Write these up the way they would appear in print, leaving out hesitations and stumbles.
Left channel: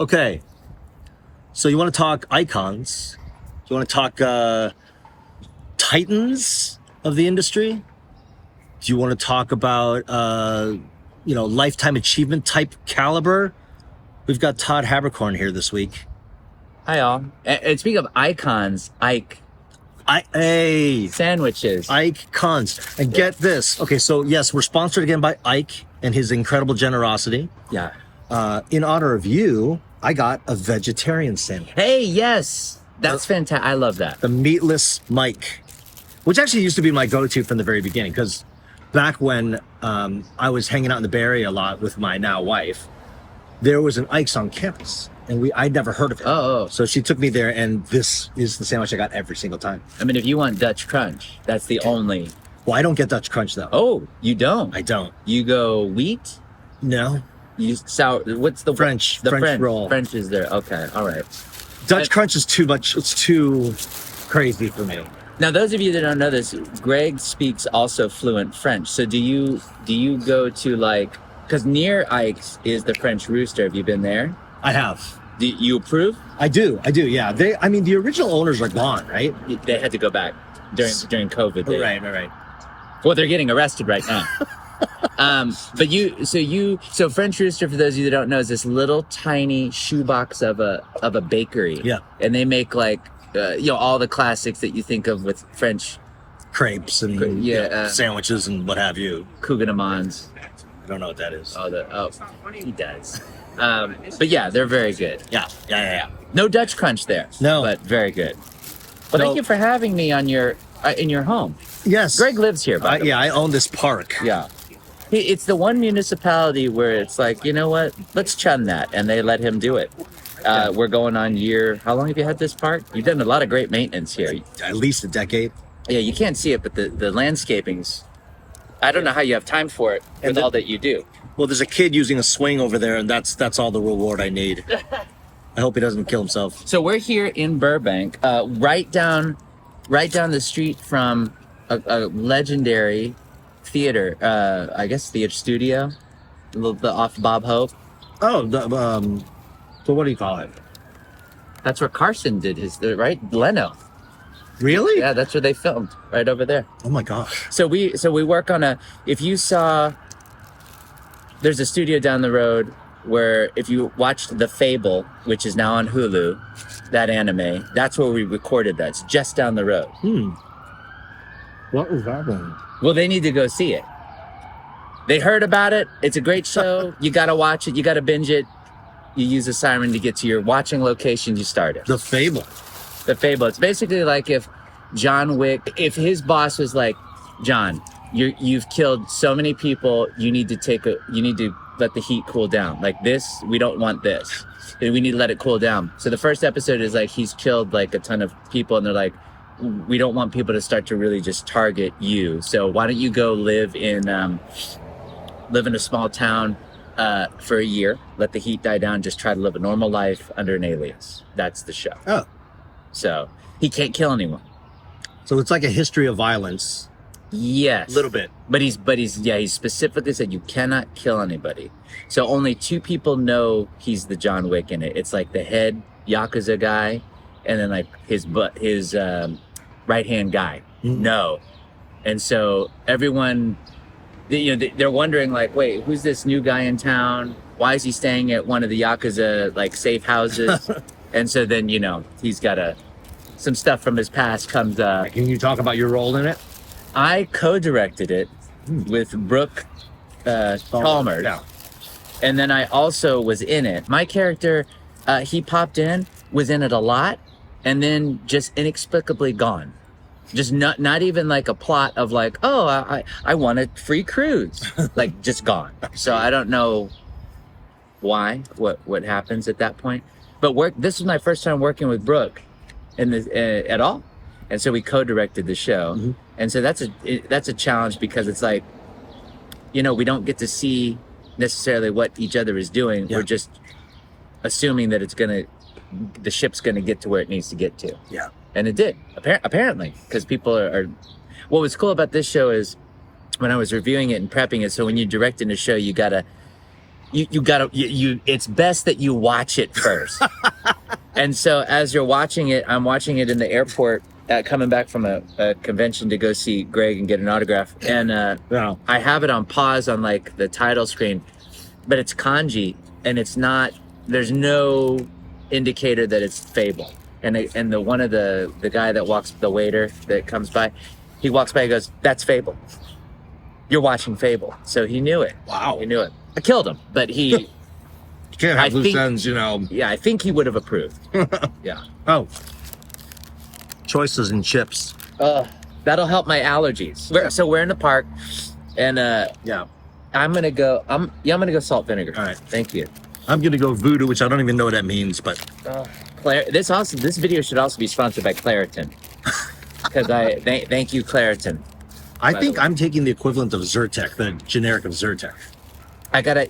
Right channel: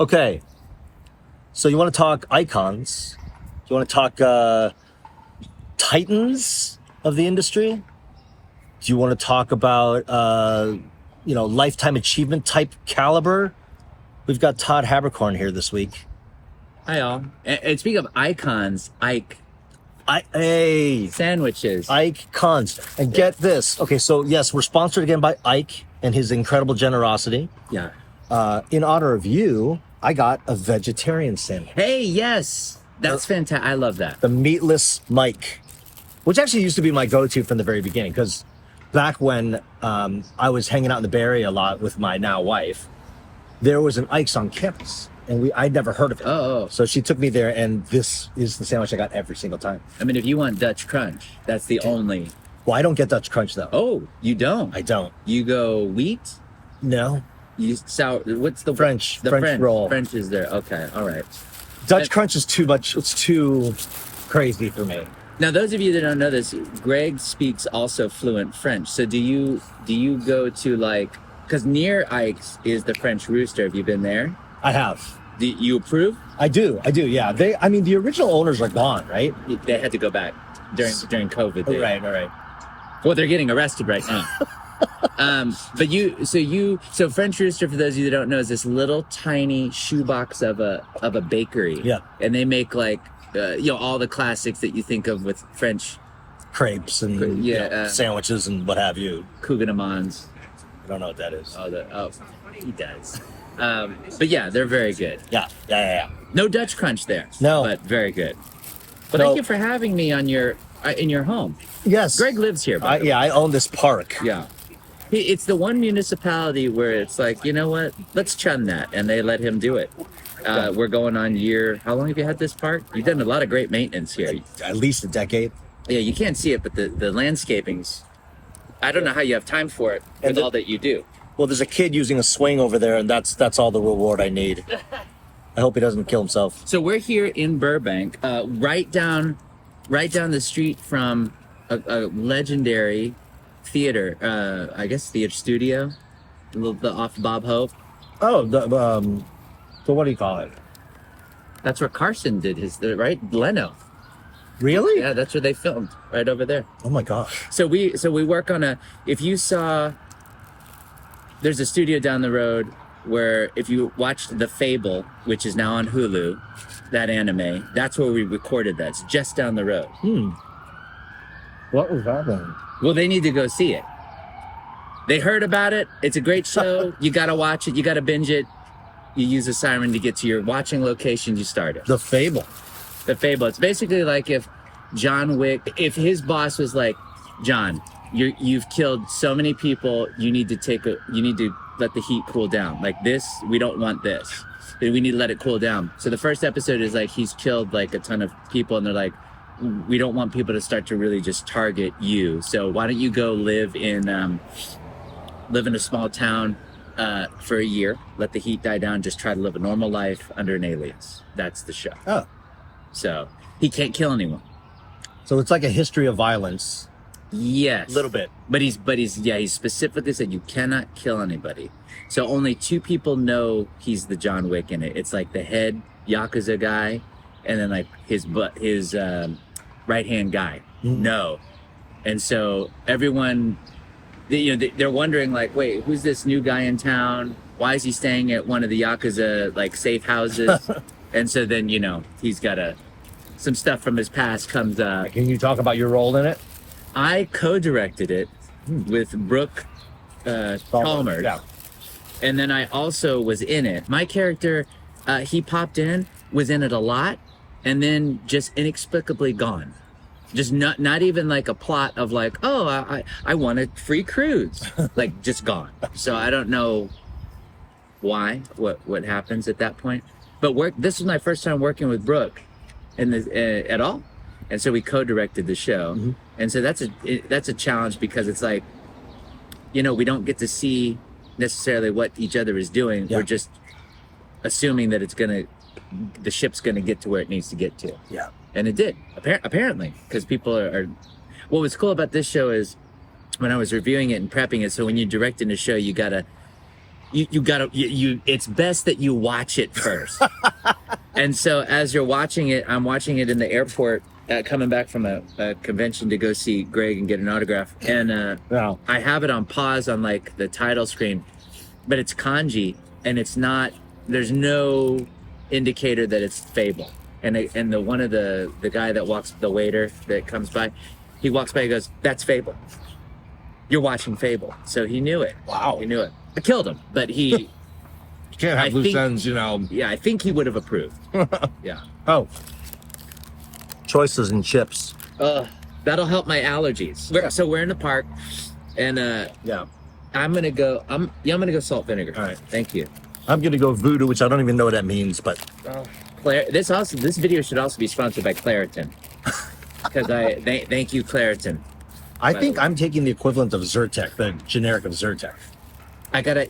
Okay, so you want to talk icons? You want to talk titans of the industry? Do you want to talk about lifetime achievement type caliber? We've got Todd Haberkorn here this week. Hi, all. And speaking of icons, Hey, sandwiches. icons. And get this. Okay, so yes, we're sponsored again by Ike and his incredible generosity. Yeah. In honor of you, I got a vegetarian sandwich. Hey, yes. That's fantastic. I love that. The meatless Mike, which actually used to be my go-to from the very beginning, because back when I was hanging out in the Bay Area a lot with my now wife, there was an Ike's on campus, and I'd never heard of it. Oh. So she took me there, and this is the sandwich I got every single time. I mean, if you want Dutch Crunch, that's the only. Well, I don't get Dutch Crunch, though. Oh, you don't? I don't. You go wheat? No. You sour. What's the French? The French roll. French is there. Okay. All right. Dutch Crunch is too much. It's too crazy for me. Now, those of you that don't know this, Greg speaks also fluent French. So do you go to because near Ike's is the French Rooster. Have you been there? I have. Do you approve? I do. Yeah. The original owners are gone, right? They had to go back during COVID. Right. Well, they're getting arrested right now. So French Rooster, for those of you that don't know, is this little tiny shoebox of a bakery. Yeah. And they make all the classics that you think of with French Crepes and sandwiches and what have you. Couganemans. I don't know what that is. He does. But yeah, they're very good. Yeah. No Dutch Crunch there. No. But very good. Well, thank you for having me on in your home. Yes. Greg lives here. By the way. I own this park. Yeah. It's the one municipality where it's like, you know what? Let's chun that. And they let him do it. We're going on how long have you had this park? You've done a lot of great maintenance here. At least a decade. Yeah, you can't see it, but the landscaping's, I don't know how you have time for it with all that you do. Well, there's a kid using a swing over there, and that's all the reward I need. I hope he doesn't kill himself. So we're here in Burbank, right down the street from a legendary theater, I guess theater studio, a little bit off Bob Hope. Oh, so what do you call it? That's where Carson did his, right? Leno. Really? Yeah, that's where they filmed, right over there. Oh my gosh. So we work on if you saw, there's a studio down the road where if you watched The Fable, which is now on Hulu, that anime, that's where we recorded that. It's just down the road. What was happening? Well, they need to go see it. They heard about it. It's a great show. You got to watch it. You got to binge it. You use a siren to get to your watching location. You start it. The Fable. The Fable. It's basically like if John Wick, if his boss was like, John, you've killed so many people. You need to let the heat cool down. Like this, we don't want this. We need to let it cool down. So the first episode is like he's killed like a ton of people, and they're like, we don't want people to start to really just target you. So why don't you go live in a small town for a year, let the heat die down, just try to live a normal life under an alias. That's the show. Oh. So he can't kill anyone. So it's like a history of violence. Yes. A little bit. But he's specifically said you cannot kill anybody. So only two people know he's the John Wick in it. It's like the head Yakuza guy and then like his right-hand guy. No. And so everyone, they're wondering like, wait, who's this new guy in town? Why is he staying at one of the Yakuza like safe houses? And so then, he's got some stuff from his past comes up. Can you talk about your role in it? I co-directed it with Brooke Chalmers. Yeah. And then I also was in it. My character, he popped in, was in it a lot, and then just inexplicably gone. Just not even like a plot of like, oh, I want a free cruise. Like just gone. So I don't know why, what happens at that point. But this is my first time working with Brooke at all. And so we co-directed the show. Mm-hmm. And so that's a challenge because it's like, we don't get to see necessarily what each other is doing. Yeah. We're just assuming that the ship's gonna get to where it needs to get to. Yeah. And it did, apparently, because people are. What was cool about this show is when I was reviewing it and prepping it, so when you're directing a show, you gotta you gotta it's best that you watch it first. And so as you're watching it, I'm watching it in the airport, coming back from a convention to go see Greg and get an autograph, and Yeah. I have it on pause on like the title screen, but it's kanji, and it's not. There's no indicator that it's Fable. And the one of the guy that walks, the waiter that comes by, he walks by, he goes, "That's Fable. You're watching Fable." So he knew it. Wow. He knew it. I killed him, but he. You can't have I loose think- ends, you know. Yeah, I think he would have approved. Yeah. Oh. Choices and chips. That'll help my allergies. So we're in the park, and Yeah. I'm gonna go. I'm gonna go salt vinegar. All right. Thank you. I'm gonna go voodoo, which I don't even know what that means, but This video should also be sponsored by Claritin, because thank you, Claritin. I think I'm taking the equivalent of Zyrtec, the generic of Zyrtec.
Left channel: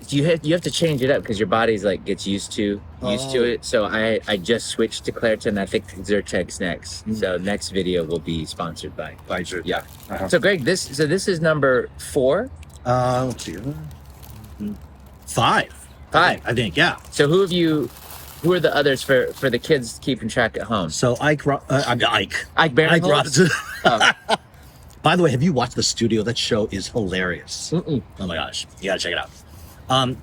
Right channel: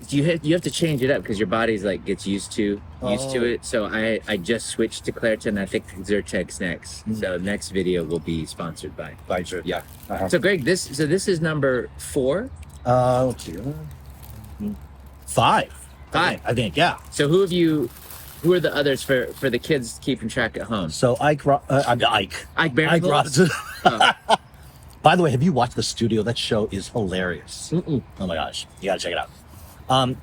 You have to change it up because your body's like gets used to it. So I just switched to Claritin. I think Zyrtec's next. So next video will be sponsored by. By Zyrtec. Yeah. Uh-huh. So Greg, this is number 4. Let's see. 5. 5. I think, yeah. So who are the others for the kids keeping track at home? So Ike Barinholtz? Robinson. Oh. By the way, have you watched The Studio? That show is hilarious. Mm-mm. Oh my gosh, you gotta check it out.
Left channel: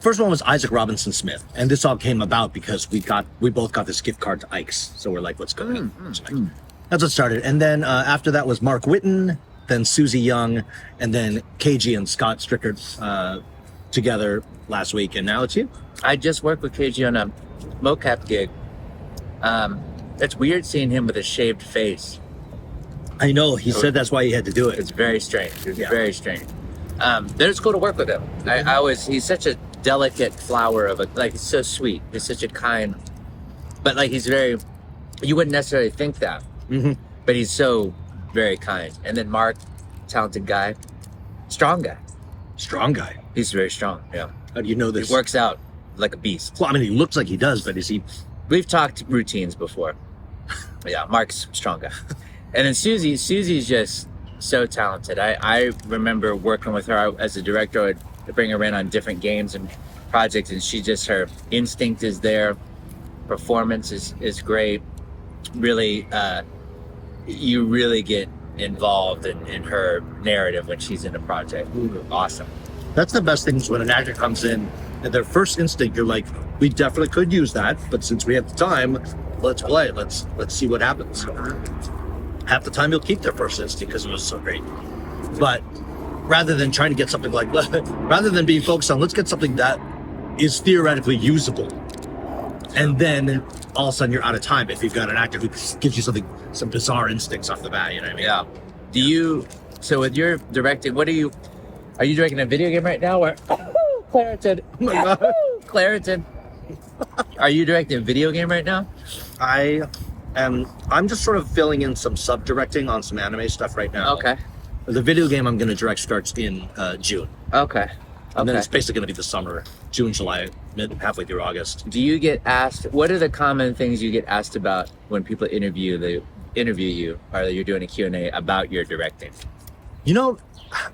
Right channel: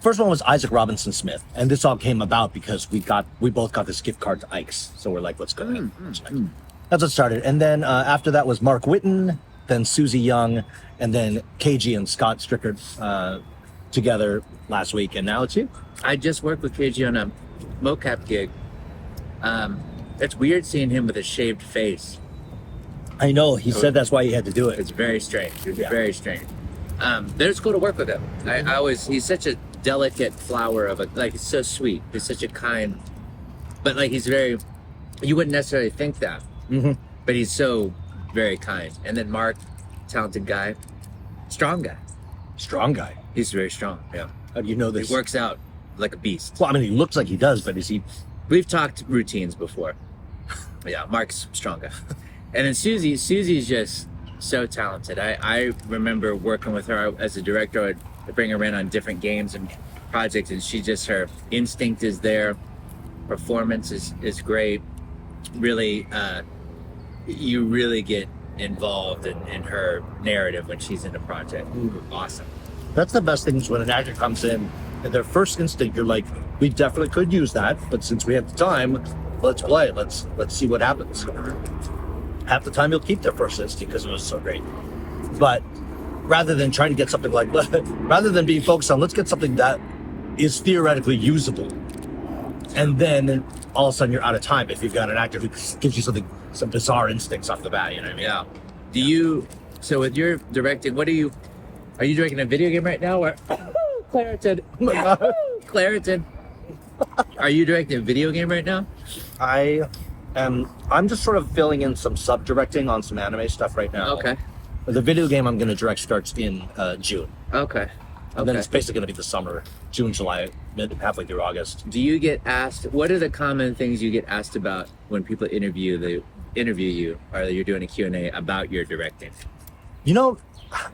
First one was Isaac Robinson Smith, and this all came about because we both got this gift card to Ike's, so we're like, let's go ahead. That's what started, and then after that was Mark Whitten, then Susie Young, and then KG and Scott Strickard together last week, and now it's you. I just worked with KG on a mocap gig. It's weird seeing him with a shaved face. I know he said that's why he had to do it. It's very strange. It's Yeah. very strange. But it's cool to work with him. He's such a delicate flower of he's so sweet. He's such a kind, but like he's very, you wouldn't necessarily think that, but he's so very kind. And then Mark, talented guy, strong guy. Strong guy. He's very strong. Yeah. How do you know this? He works out like a beast. Well, I mean, he looks like he does, but is he? We've talked routines before. Yeah, Mark's a strong guy. And then Susie's just so talented. I remember working with her as a director. I'd bring her in on different games and projects, and her instinct is there. Performance is great. Really, you really get involved in her narrative when she's in the project. Awesome. That's the best thing is when an actor comes in and their first instinct, you're like, we definitely could use that, but since we have the time, let's play. Let's see what happens. Half the time you'll keep their first instinct because it was so great. But rather than trying to get something like, rather than being focused on, let's get something that is theoretically usable. And then all of a sudden you're out of time if you've got an actor who gives you some bizarre instincts off the bat, you know what I mean? Yeah. So with your directing, are you directing a video game right now or Claritin? Oh my God. Claritin. Are you directing a video game right now? I'm just sort of filling in some sub-directing on some anime stuff right now. Okay. The video game I'm going to direct starts in June. Okay. And then it's basically going to be the summer, June, July, halfway through August. Do you get asked, what are the common things you get asked about when people interview you, or you're doing a Q&A about your directing? You know,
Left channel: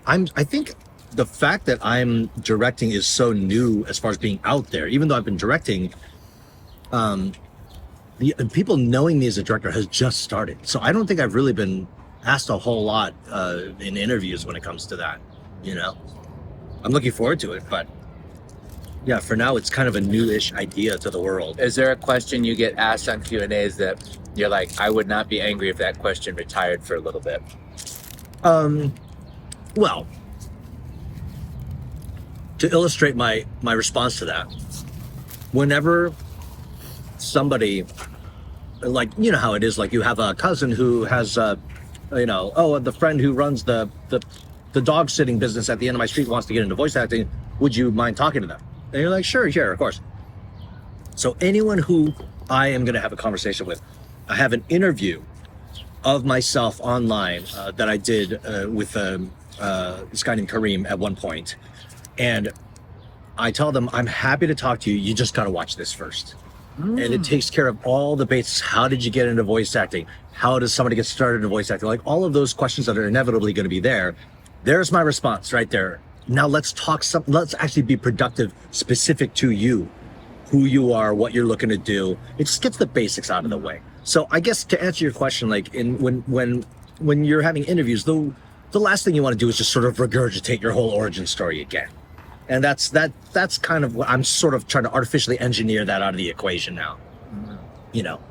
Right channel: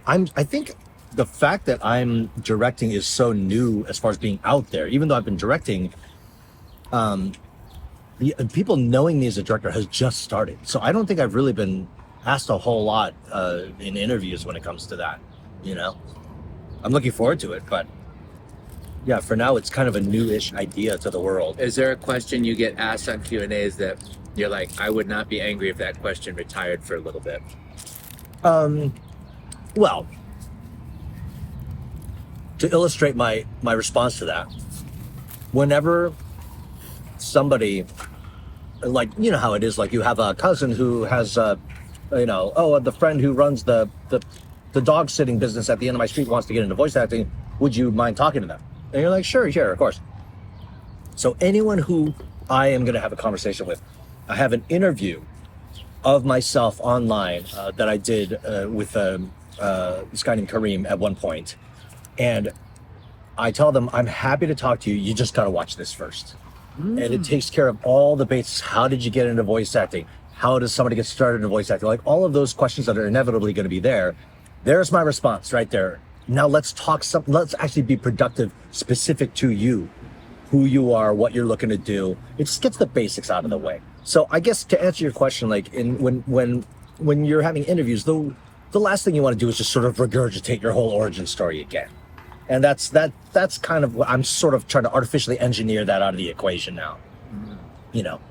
I think the fact that I'm directing is so new as far as being out there, even though I've been directing, the people knowing me as a director has just started. So I don't think I've really been asked a whole lot in interviews when it comes to that, you know? I'm looking forward to it, but yeah, for now it's kind of a new-ish idea to the world. Is there a question you get asked on Q&As that you're like, I would not be angry if that question retired for a little bit? Well, to illustrate my response to that, whenever somebody, like, you know how it is, like you have a cousin who has, the friend who runs the dog sitting business at the end of my street wants to get into voice acting, would you mind talking to them? And you're like, sure, of course. So anyone who I am going to have a conversation with, I have an interview of myself online that I did with this guy named Kareem at one point. And I tell them, I'm happy to talk to you. You just got to watch this first. And it takes care of all the basics. How did you get into voice acting? How does somebody get started in voice acting? Like all of those questions that are inevitably going to be there. There's my response right there. Now let's let's actually be productive, specific to you, who you are, what you're looking to do. It just gets the basics out of the way. So I guess to answer your question, like when you're having interviews, the last thing you want to do is just sort of regurgitate your whole origin story again. And that's kind of what I'm sort of trying to artificially engineer that out of the equation now. You know,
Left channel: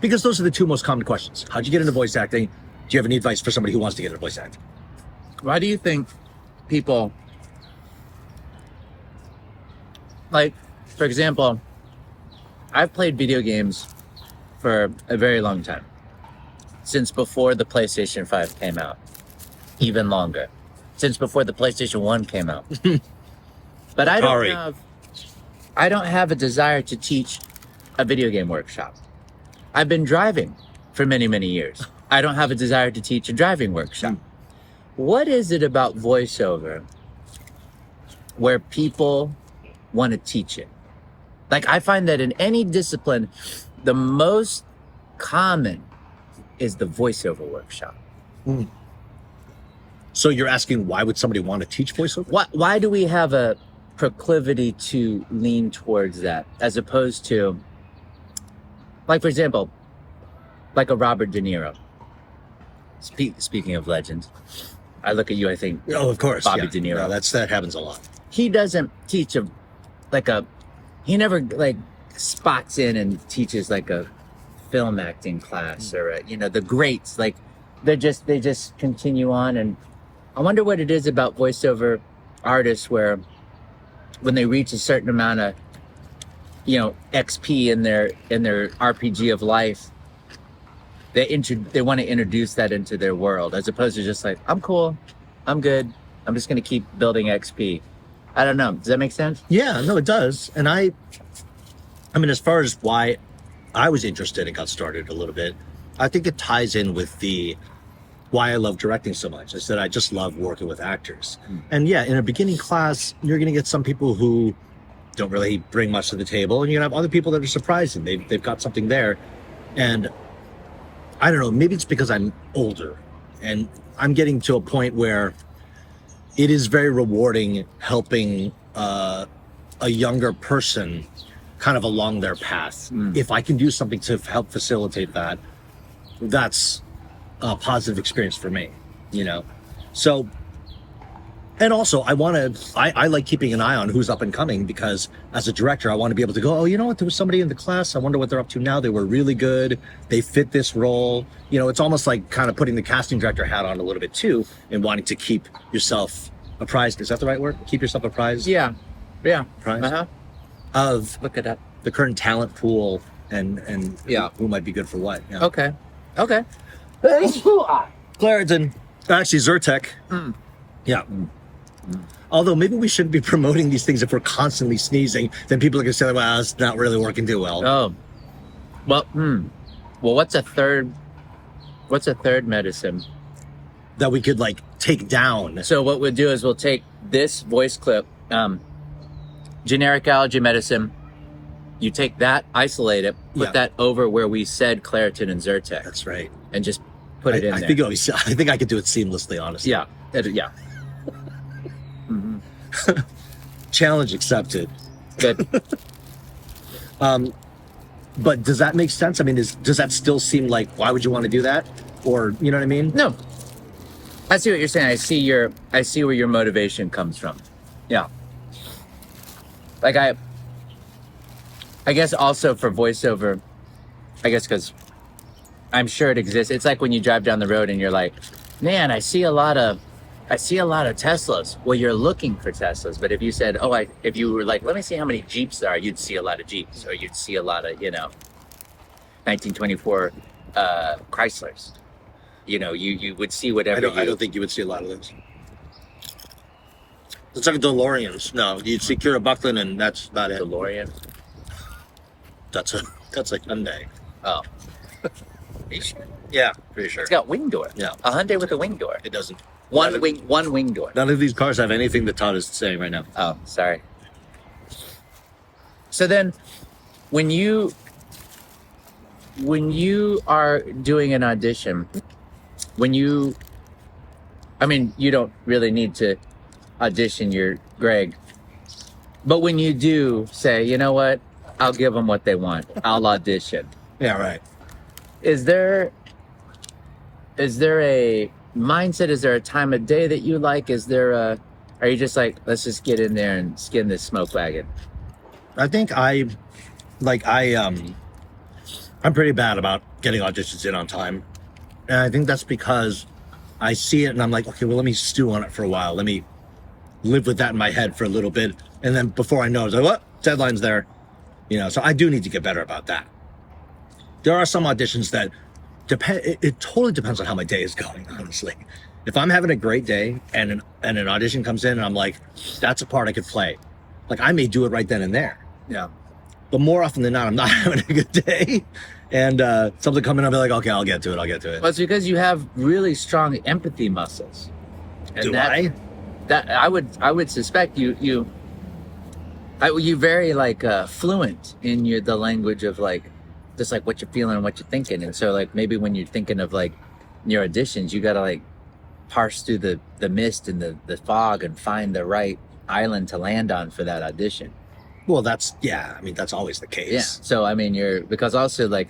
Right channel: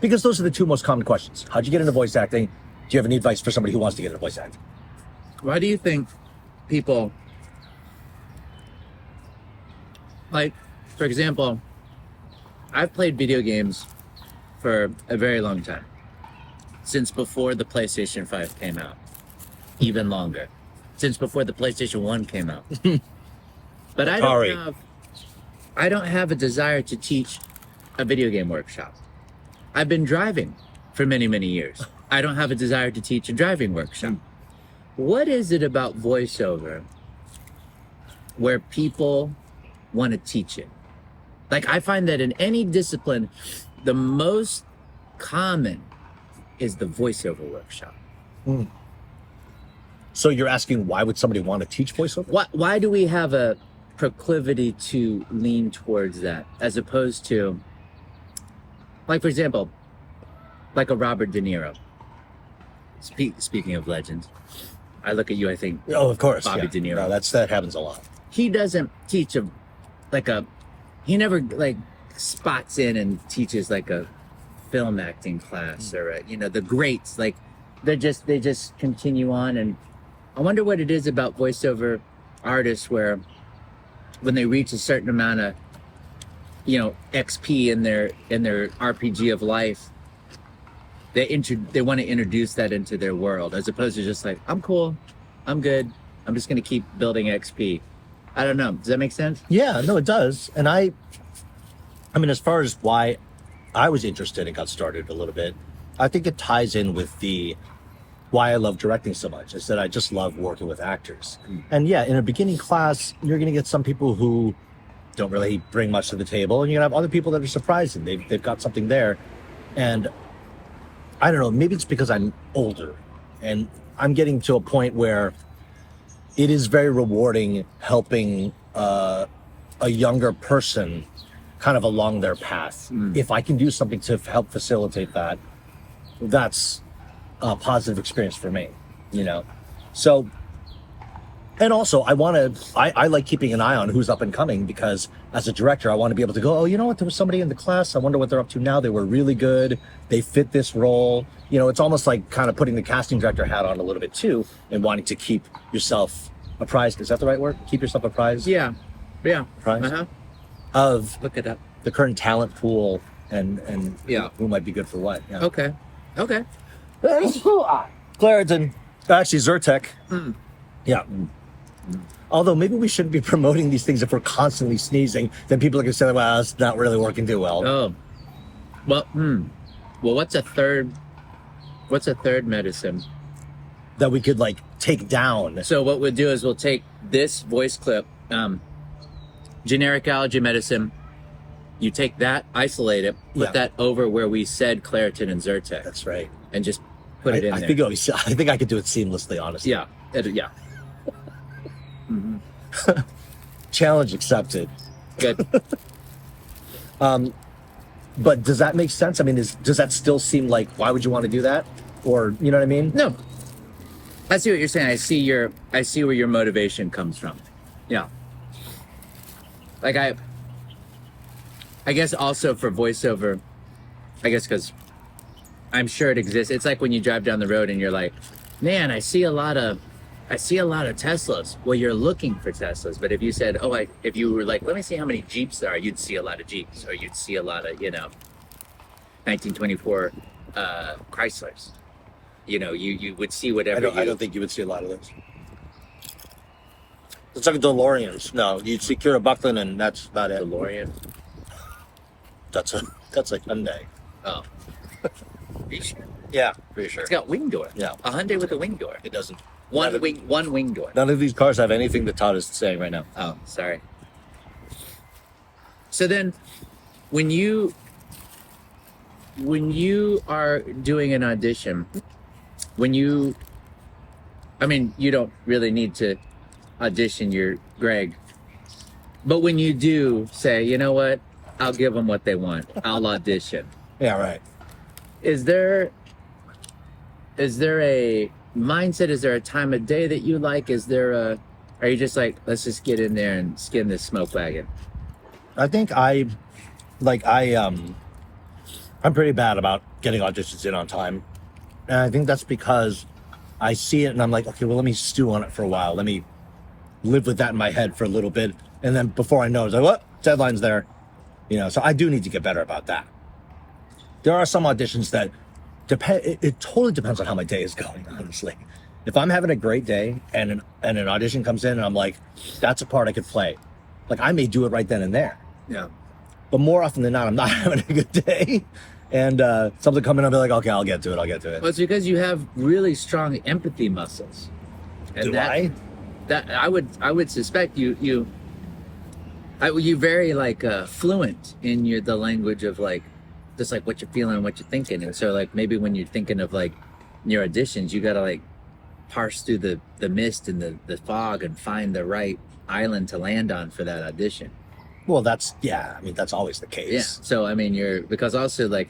because those are the two most common questions. How'd you get into voice acting? Do you have any advice for somebody who wants to get into voice acting? Why do you think people, like, for example, I've played video games for a very long time, since before the PlayStation 5 came out, even longer, since before the PlayStation 1 came out. But I don't have a desire to teach a video game workshop. I've been driving for many, many years. I don't have a desire to teach a driving workshop. What is it about voiceover where people want to teach it? Like, I find that in any discipline, the most common is the voiceover workshop. So you're asking, why would somebody want to teach voiceover? Why do we have a proclivity to lean towards that, as opposed to, like, for example, like a Robert De Niro? Speaking of legends, I look at you, I think, Oh, of course. Bobby Yeah. De Niro. No, that happens a lot. He doesn't teach he never like spots in and teaches like a film acting class or the greats, like they just continue on. And I wonder what it is about voiceover artists where when they reach a certain amount of XP in their RPG of life, they want to introduce that into their world, as opposed to just like, I'm cool, I'm good, I'm just going to keep building XP. I don't know. Does that make sense? Yeah, no, it does. And I mean, as far as why I was interested and got started a little bit, I think it ties in with why I love directing so much. I said I just love working with actors. And yeah, in a beginning class, you're going to get some people who don't really bring much to the table, and you're going to have other people that are surprising. They've got something there. And I don't know, maybe it's because I'm older and I'm getting to a point where it is very rewarding helping a younger person kind of along their path. If I can do something to help facilitate that, that's a positive experience for me, So, and also I like keeping an eye on who's up and coming, because as a director, I want to be able to go, oh, you know what? There was somebody in the class. I wonder what they're up to now. They were really good. They fit this role. It's almost like kind of putting the casting director hat on a little bit too, and wanting to keep yourself apprised. Is that the right word? Keep yourself apprised? Yeah. Apprised? Of Look it up. the current talent pool and who might be good for what. Yeah. Okay. Claritin. Actually, Zyrtec. Yeah. Although maybe we shouldn't be promoting these things if we're constantly sneezing. Then people are going to say, well, it's not really working too well. Oh. Well, what's a third medicine that we could take down? So what we'll do is we'll take this voice clip, generic allergy medicine. You take that, isolate it, put that over where we said Claritin and Zyrtec. That's right. And just put it in there. I think I could do it seamlessly, honestly. Yeah. Challenge accepted. Good. But does that make sense? I mean, does that still seem like, why would you want to do that? Or, you know what I mean? No. I see what you're saying. I see where your motivation comes from. Yeah. Like I guess also for voiceover, I guess because I'm sure it exists. It's like when you drive down the road and you're like, man, I see a lot of Teslas. Well, you're looking for Teslas. But if you said, if you were like, let me see how many Jeeps there are, you'd see a lot of Jeeps, or you'd see a lot of, 1924 Chryslers. You would see whatever. I don't think you would see a lot of those. It's like DeLoreans. No, you'd see Kira Buckland, and that's about it. DeLorean. That's a Hyundai. Oh. You sure? Yeah, pretty sure. It's got wing door. Yeah. A Hyundai with a wing door. It doesn't. One wing door. None of these cars have anything that Todd is saying right now. Oh, sorry. So then, when you are doing an audition, you don't really need to audition your Greg. But when you do say, you know what, I'll give them what they want. I'll audition. Yeah, right. Is there a mindset? Is there a time of day that you like? Are you just like, let's just get in there and skin this smoke wagon? I think I'm pretty bad about getting auditions in on time. And I think that's because I see it and I'm like, okay, well, let me stew on it for a while. Let me live with that in my head for a little bit. And then before I know, it's like, what? Deadline's there. So I do need to get better about that. There are some auditions that it totally depends on how my day is going, honestly. If I'm having a great day and an audition comes in and I'm like, that's a part I could play. Like, I may do it right then and there. Yeah. But more often than not, I'm not having a good day. And something coming up, I'll be like, okay, I'll get to it. Well, it's because you have really strong empathy muscles. And Do I? That I would suspect you very like fluent in the language of like, just like what you're feeling and what you're thinking. And so like maybe when you're thinking of like your auditions, you gotta like parse through the mist and the fog and find the right island to land on for that audition. Well, that's always the case. Yeah. So, I mean, because also, like,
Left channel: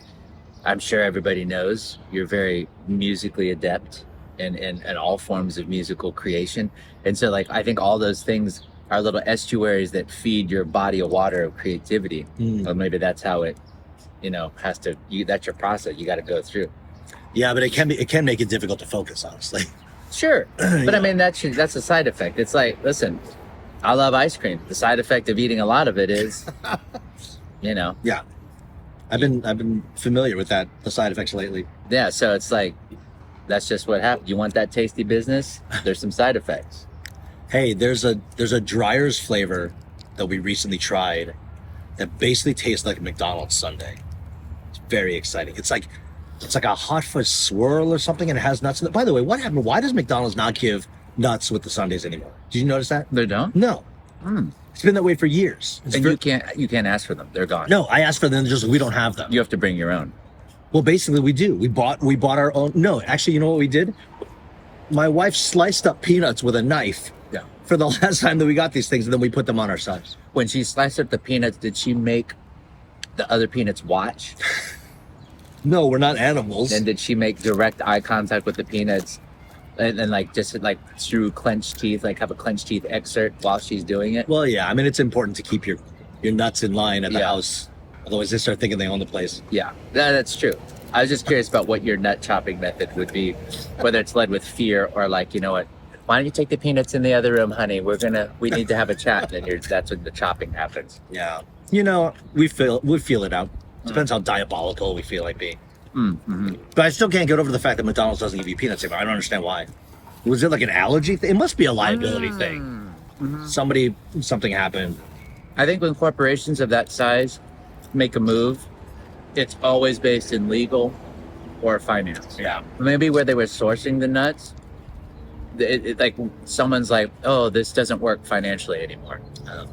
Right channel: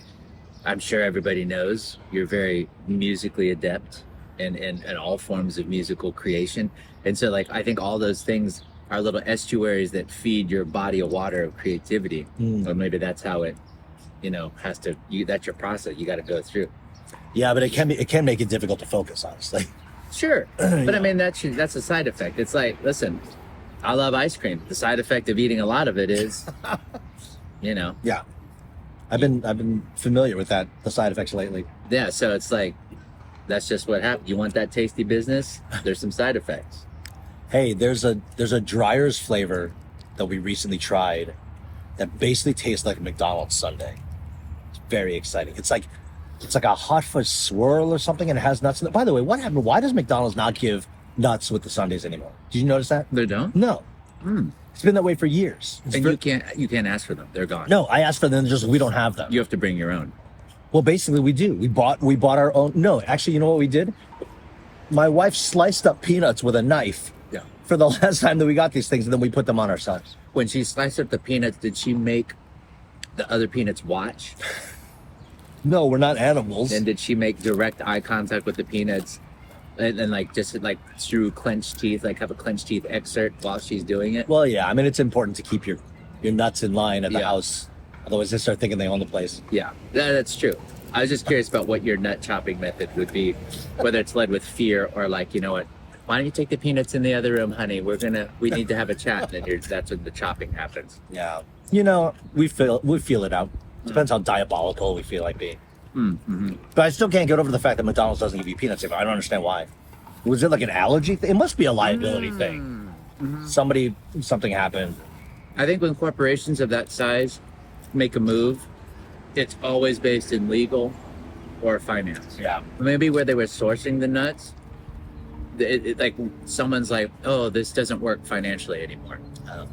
I'm sure everybody knows you're very musically adept in all forms of musical creation. And so, like, I think all those things are little estuaries that feed your body of water of creativity. Or maybe that's how it, that's your process you got to go through. Yeah, but it can make it difficult to focus, honestly. Sure. But I mean, that's a side effect. It's like, listen, I love ice cream. The side effect of eating a lot of it is, Yeah. I've been familiar with the side effects lately. Yeah, so it's like, that's just what happens. You want that tasty business? There's some side effects. Hey, there's a Dreyer's flavor that we recently tried that basically tastes like a McDonald's sundae. It's very exciting. It's like a hot fudge swirl or something, and it has nuts in it. By the way, what happened? Why does McDonald's not give nuts with the sundaes anymore? Did you notice that? They don't? No. It's been that way for years. You can't ask for them. They're gone. No, I asked for them. We don't have them. You have to bring your own. Well, basically, we do. We bought our own. No, actually, you know what we did? My wife sliced up peanuts with a knife. Yeah. For the last time that we got these things, and then we put them on ourselves. When she sliced up the peanuts, did she make the other peanuts watch? No, we're not animals. And did she make direct eye contact with the peanuts? And like just like through clenched teeth, like have a clenched teeth excerpt while she's doing it? Well, yeah. I mean, it's important to keep your nuts in line at the house. Otherwise, they start thinking they own the place. Yeah, that's true. I was just curious about what your nut chopping method would be, whether it's led with fear or like, you know what, why don't you take the peanuts in the other room, honey? We need to have a chat. And that's when the chopping happens. Yeah. We feel it out. Depends how diabolical we feel like being. Mm-hmm. But I still can't get over the fact that McDonald's doesn't give you peanuts anymore. I don't understand why. Was it like an allergy thing? It must be a liability thing. Mm-hmm. Something happened. I think when corporations of that size make a move, it's always based in legal or finance. Yeah. Maybe where they were sourcing the nuts, like someone's like, oh, this doesn't work financially anymore. Oh.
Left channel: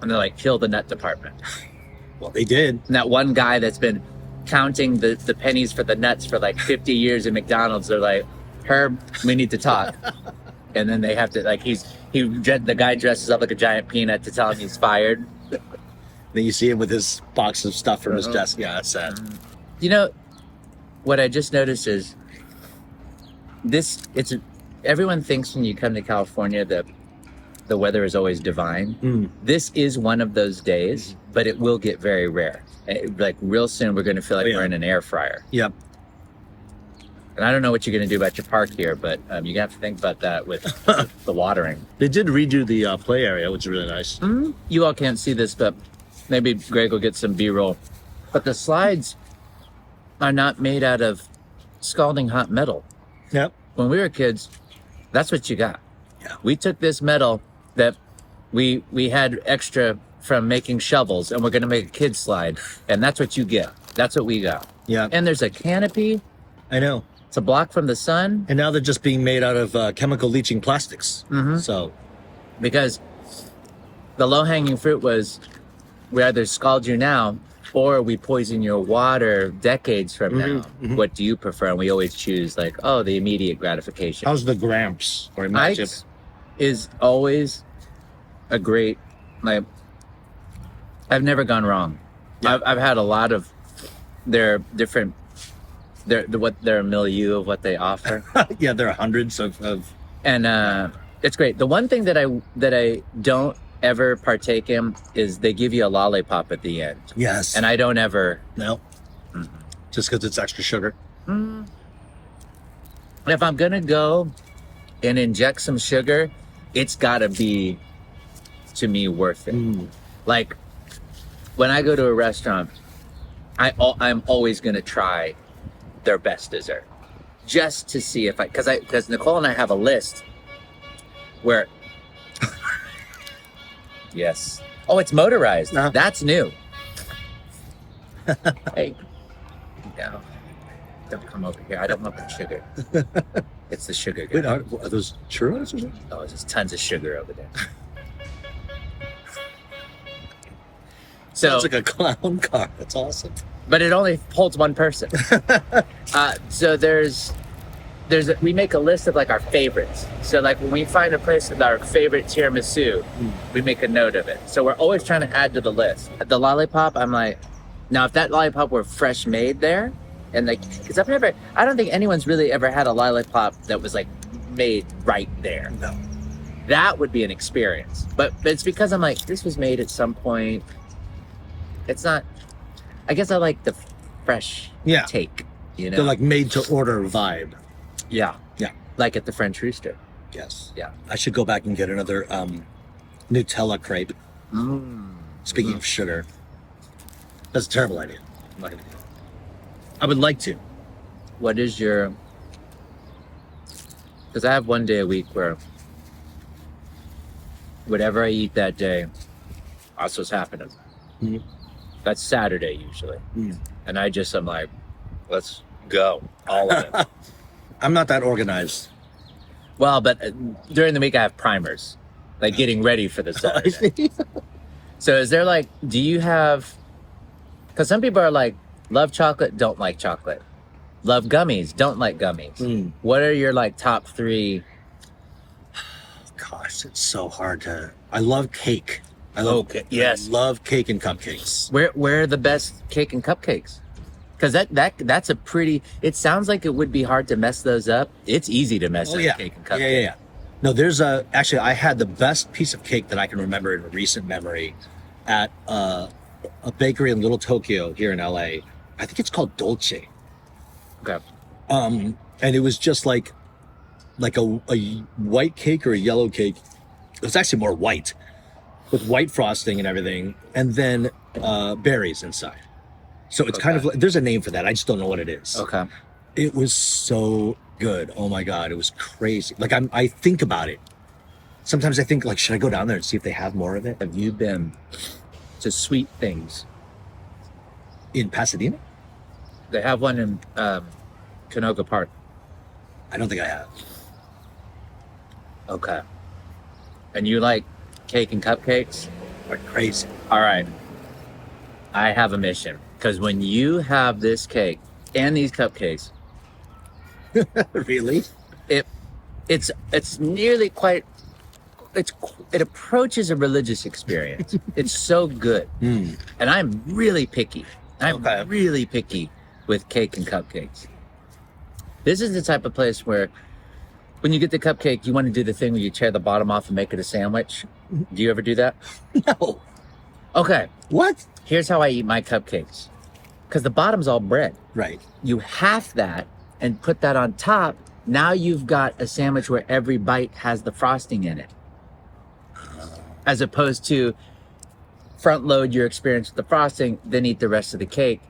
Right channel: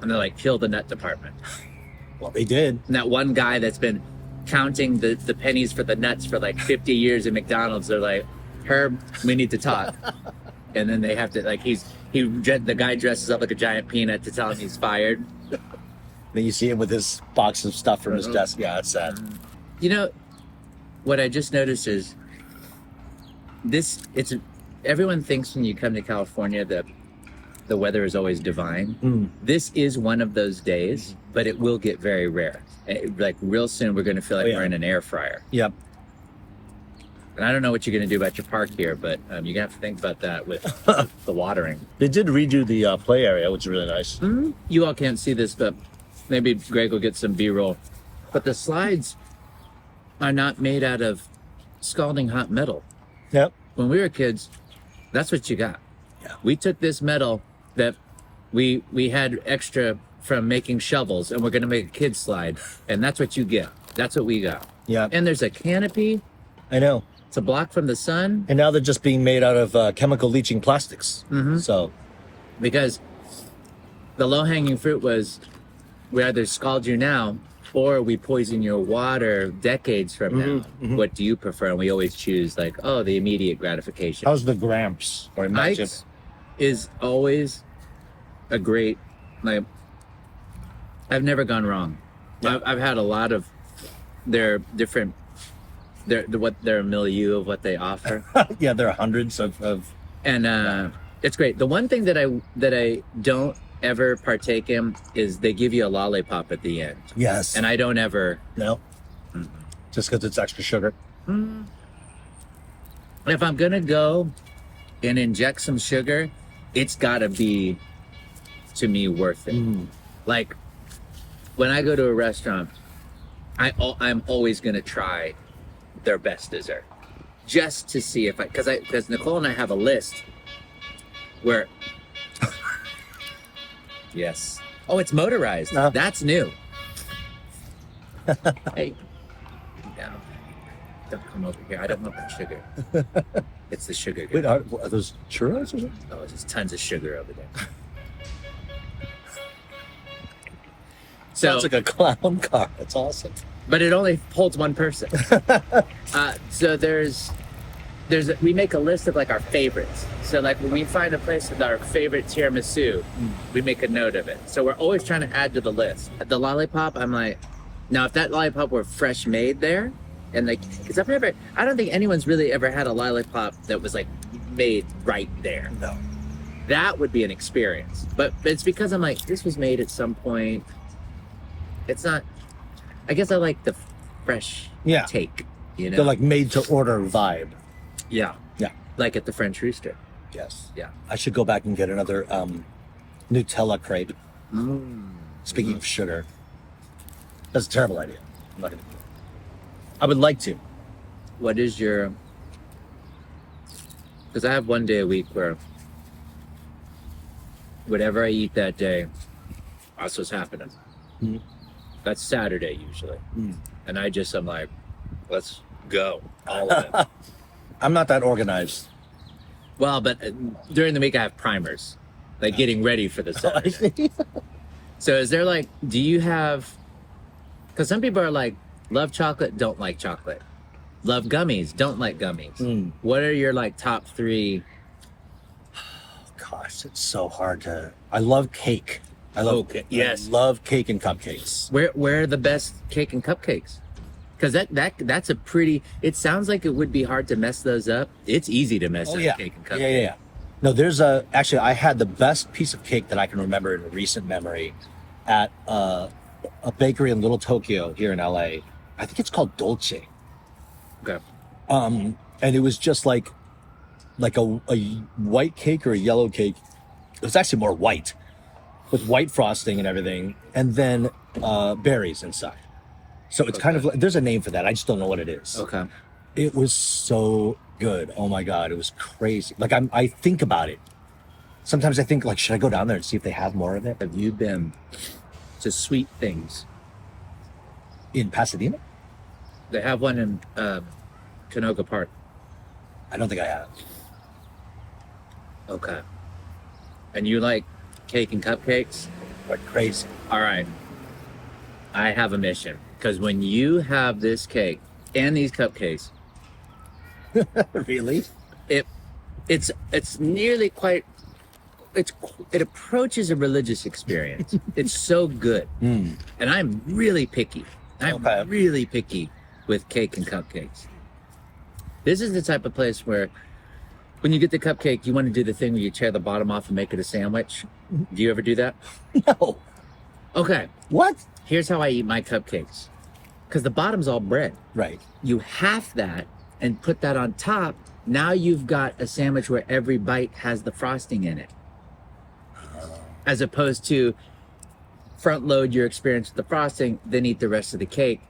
And they're like, kill the nut department. Well, they did. And that one guy that's been counting the pennies for the nuts for like 50 years in McDonald's, they're like, Herb, we need to talk. And then they have to, like, the guy dresses up like a giant peanut to tell him he's fired. Then you see him with his box of stuff from his desk. Yeah, that's sad. What I just noticed is everyone thinks when you come to California that the weather is always divine. This is one of those days, but it will get very rare. Like real soon, we're going to feel like we're in an air fryer. Yep. And I don't know what you're going to do about your park here, but you're going to have to think about that with the watering. They did redo the play area, which is really nice. You all can't see this, but maybe Greg will get some B-roll. But the slides are not made out of scalding hot metal. Yep. When we were kids, that's what you got. Yeah. We took this metal that we had extra from making shovels, and we're going to make a kid slide, and that's what you get. That's what we got. Yeah. And there's a canopy. I know. It's a block from the sun. And now they're just being made out of chemical leaching plastics. So, because the low-hanging fruit was we either scald you now or we poison your water decades from now. What do you prefer? And we always choose like, the immediate gratification. how's the Gramps or Imagine? is always a great, like, I've never gone wrong. Yeah. I've had a lot of their different, their milieu of what they offer. Yeah, there are hundreds of And it's great. The one thing that I don't ever partake in is they give you a lollipop at the end. yes. And I don't ever. No. Just because it's extra sugar. If I'm gonna go and inject some sugar, it's gotta be, to me, worth it. Like, when I go to a restaurant, I'm always gonna try their best dessert, just to see if because Nicole and I have a list where. Yes. Oh, it's motorized. Uh-huh. That's new. Hey. No. Don't come over here. I don't want the sugar. It's the sugar. Wait, are those churros or something? Oh, there's tons of sugar over there. So, Sounds like a clown car. That's awesome. but it only holds one person. So we make a list of like our favorites. So like when we find a place with our favorite tiramisu, we make a note of it. So we're always trying to add to the list. The lollipop, I'm like, now if that lollipop were fresh made there, and like, because I don't think anyone's really ever had a lollipop that was like made right there. No. That would be an experience. But it's because I'm like, this was made at some point. It's not, I guess I like the fresh Yeah. take, you know? They're like made to order vibe. Yeah. Yeah. Like at the French Rooster. Yes. Yeah. I should go back and get another Nutella crepe. Mm. Speaking of sugar, that's a terrible idea. I'm not gonna do that. I would like to. What is your, because I have one day a week where whatever I eat that day, that's what's happening. Mhm. That's Saturday usually. Mm. And I'm like, let's go. All in. I'm not that organized. Well, but during the week I have primers, like getting ready for the I Saturday. see. So is there like, do you have, because some people are like, love chocolate, don't like chocolate. Love gummies, don't like gummies. What are your like top 3? Gosh, it's so hard to. I love cake. I love yes. I love cake and cupcakes. Where are the best cake and cupcakes? Because that's a pretty. It sounds like it would be hard to mess those up. It's easy to mess up cake and cupcakes. Yeah. No, there's actually I had the best piece of cake that I can remember in recent memory at a bakery in Little Tokyo here in LA. I think it's called Dolce. Okay. And it was just like a white cake or a yellow cake. It was actually more white, with white frosting and everything, and then berries inside. So it's kind of like, there's a name for that. I just don't know what it is. Okay. It was so good. Oh my God, it was crazy. Like I think about it. Sometimes I think like, should I go down there and see if they have more of it? Have you been to Sweet Things? In Pasadena? They have one in Canoga Park. I don't think I have. Okay. And you like cake and cupcakes? Like crazy. All right. I have a mission. Because when you have this cake and these cupcakes, Really? it's nearly quite, it approaches a religious experience. It's so good. And I'm really picky. I'm really picky with cake and cupcakes. This is the type of place where when you get the cupcake, you want to do the thing where you tear the bottom off and make it a sandwich. Do you ever do that? No. Okay. What? Here's how I eat my cupcakes. Because the bottom's all bread. Right. You half that and put that on top. Now you've got a sandwich where every bite has the frosting in it. As opposed to front load your experience with the frosting, then eat the rest of the cake.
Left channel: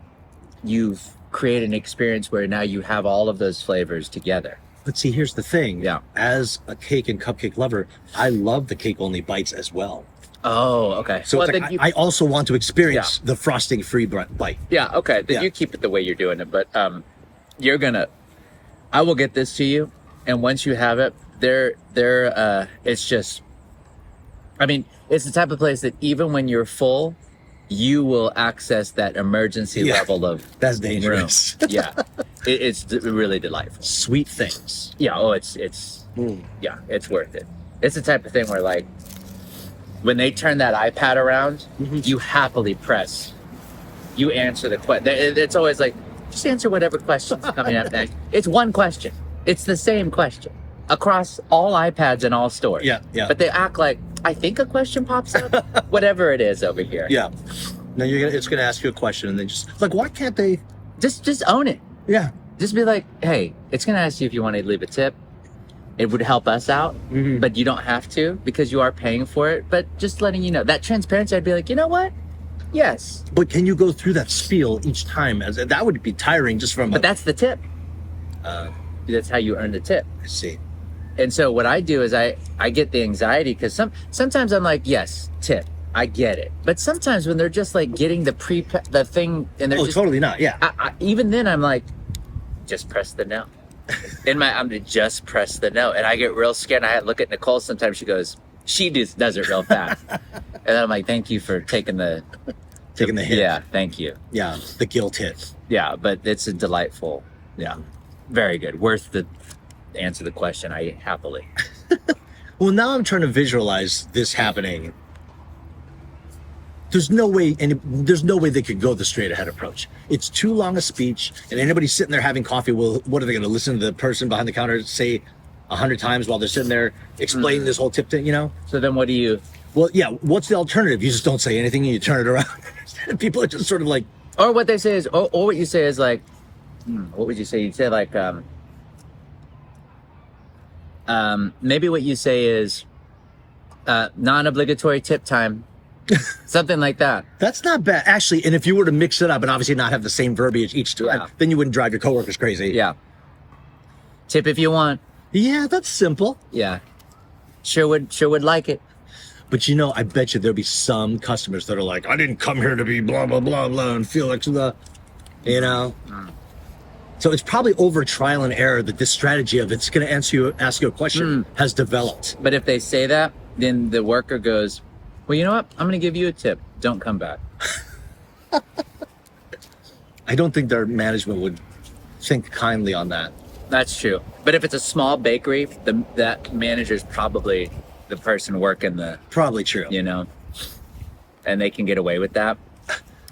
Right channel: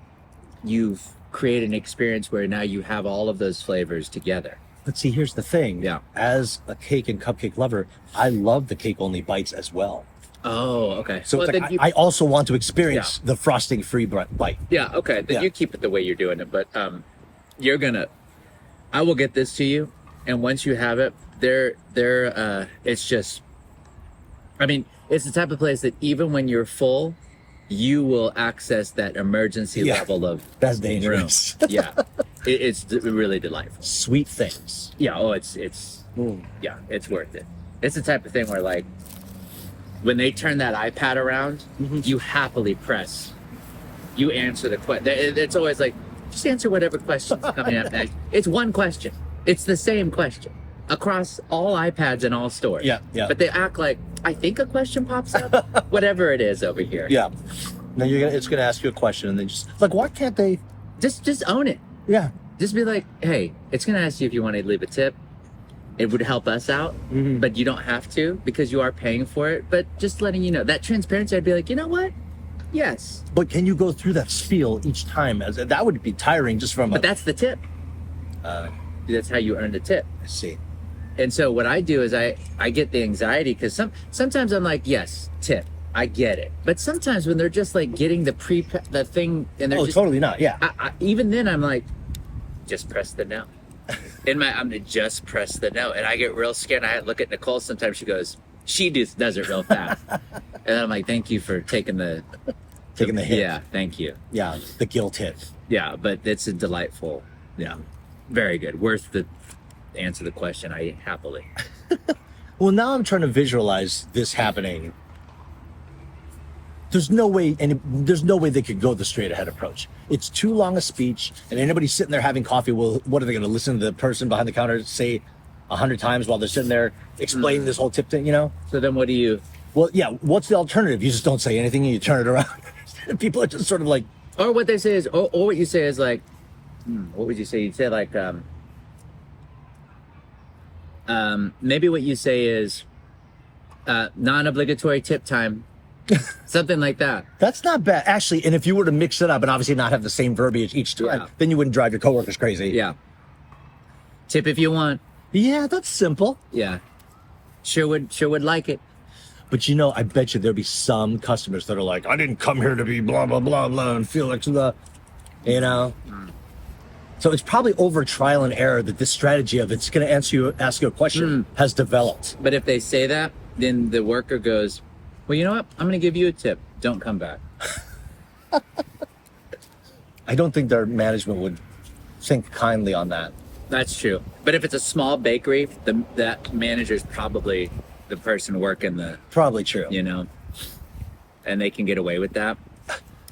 You've created an experience where now you have all of those flavors together. But see, here's the thing. Yeah. As a cake and cupcake lover, I love the cake only bites as well. Oh, okay. So well, it's like I also want to experience the frosting free bite. Yeah, okay. Then you keep it the way you're doing it. But I will get this to you. And once you have it, it's just, I mean, it's the type of place that even when you're full, you will access that emergency level of that's dangerous. Yeah. It's really delightful. Sweet Things. Yeah. Oh, it's worth it. It's the type of thing where, like, when they turn that iPad around, you happily press. You answer the question. It's always like, just answer whatever question's coming up next. It's one question. It's the same question across all iPads and all stores. Yeah, yeah. But they act like, I think a question pops up. Whatever it is over here. Yeah. No, it's gonna ask you a question, and then just like, why can't they? Just own it. Yeah. Just be like, hey, it's gonna ask you if you want to leave a tip. It would help us out, but you don't have to because you are paying for it. But just letting you know that transparency, I'd be like, you know what? Yes. But can you go through that spiel each time? As that would be tiring just from. But that's the tip. That's how you earn the tip. I see. And so what I do is I get the anxiety because sometimes I'm like, yes, tip, I get it. But sometimes when they're just like getting the thing and they're just, totally not. Yeah. Even then I'm like, just press the no. I'm to just press the no, and I get real scared. And I look at Nicole sometimes. She goes, she does it real fast, and then I'm like, thank you for taking the hit. Yeah, thank you. Yeah, the guilt hit. Yeah, but it's a delightful. Yeah, very good. Worth the answer the question. I happily. Well, now I'm trying to visualize this happening. There's no way they could go the straight ahead approach. It's too long a speech, and anybody sitting there having coffee, well, what are they going to listen to the person behind the counter say 100 times while they're sitting there explaining this whole tip thing, you know? So then what do you... Well, yeah, what's the alternative? You just don't say anything and you turn it around. People are just sort of like... Or what they say is, or what you say is like, what would you say? You'd say like, maybe what you say is non-obligatory tip time. Something like that. That's not bad. Actually, and if you were to mix it up and obviously not have the same verbiage each time, then you wouldn't drive your coworkers crazy. Yeah. Tip if you want. Yeah, that's simple. Yeah. Sure would like it. But you know, I bet you there'll be some customers that are like, I didn't come here to be blah, blah, blah, blah, and feel like the, you know? So it's probably over trial and error that this strategy of it's going to ask you a question has developed. But if they say that, then the worker goes, well, you know what? I'm going to give you a tip. Don't come back. I don't think their management would think kindly on that. That's true. But if it's a small bakery, that manager's probably the person working the... Probably true. You know? And they can get away with that.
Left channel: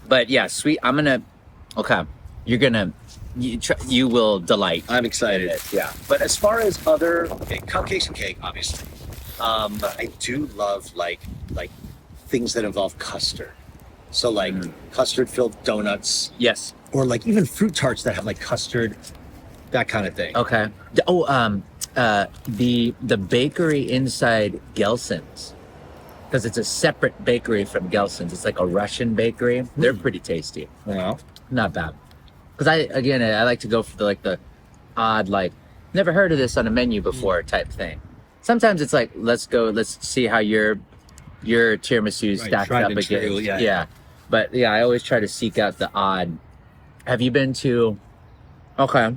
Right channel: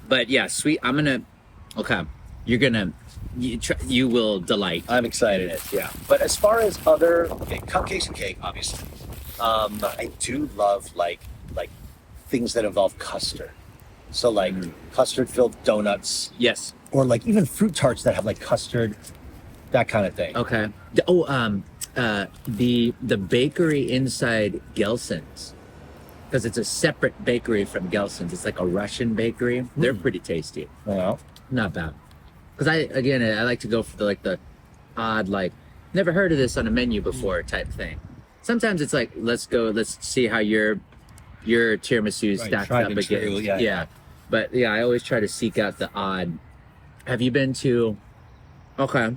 But yeah, sweet. I'm going to... Okay. You're going to... You will delight. I'm excited. Yeah. But as far as other cupcakes and cake, obviously, I do love like things that involve custard. So like custard-filled donuts. Yes. Or like even fruit tarts that have like custard, that kind of thing. Okay. Oh, the bakery inside Gelson's, because it's a separate bakery from Gelson's. It's like a Russian bakery. They're pretty tasty. Yeah. Not bad. Because I like to go for the odd, like, never heard of this on a menu before type thing. Sometimes it's like, let's see how your tiramisu stacks up against. True. Yeah. But yeah, I always try to seek out the odd. Have you been to? Okay.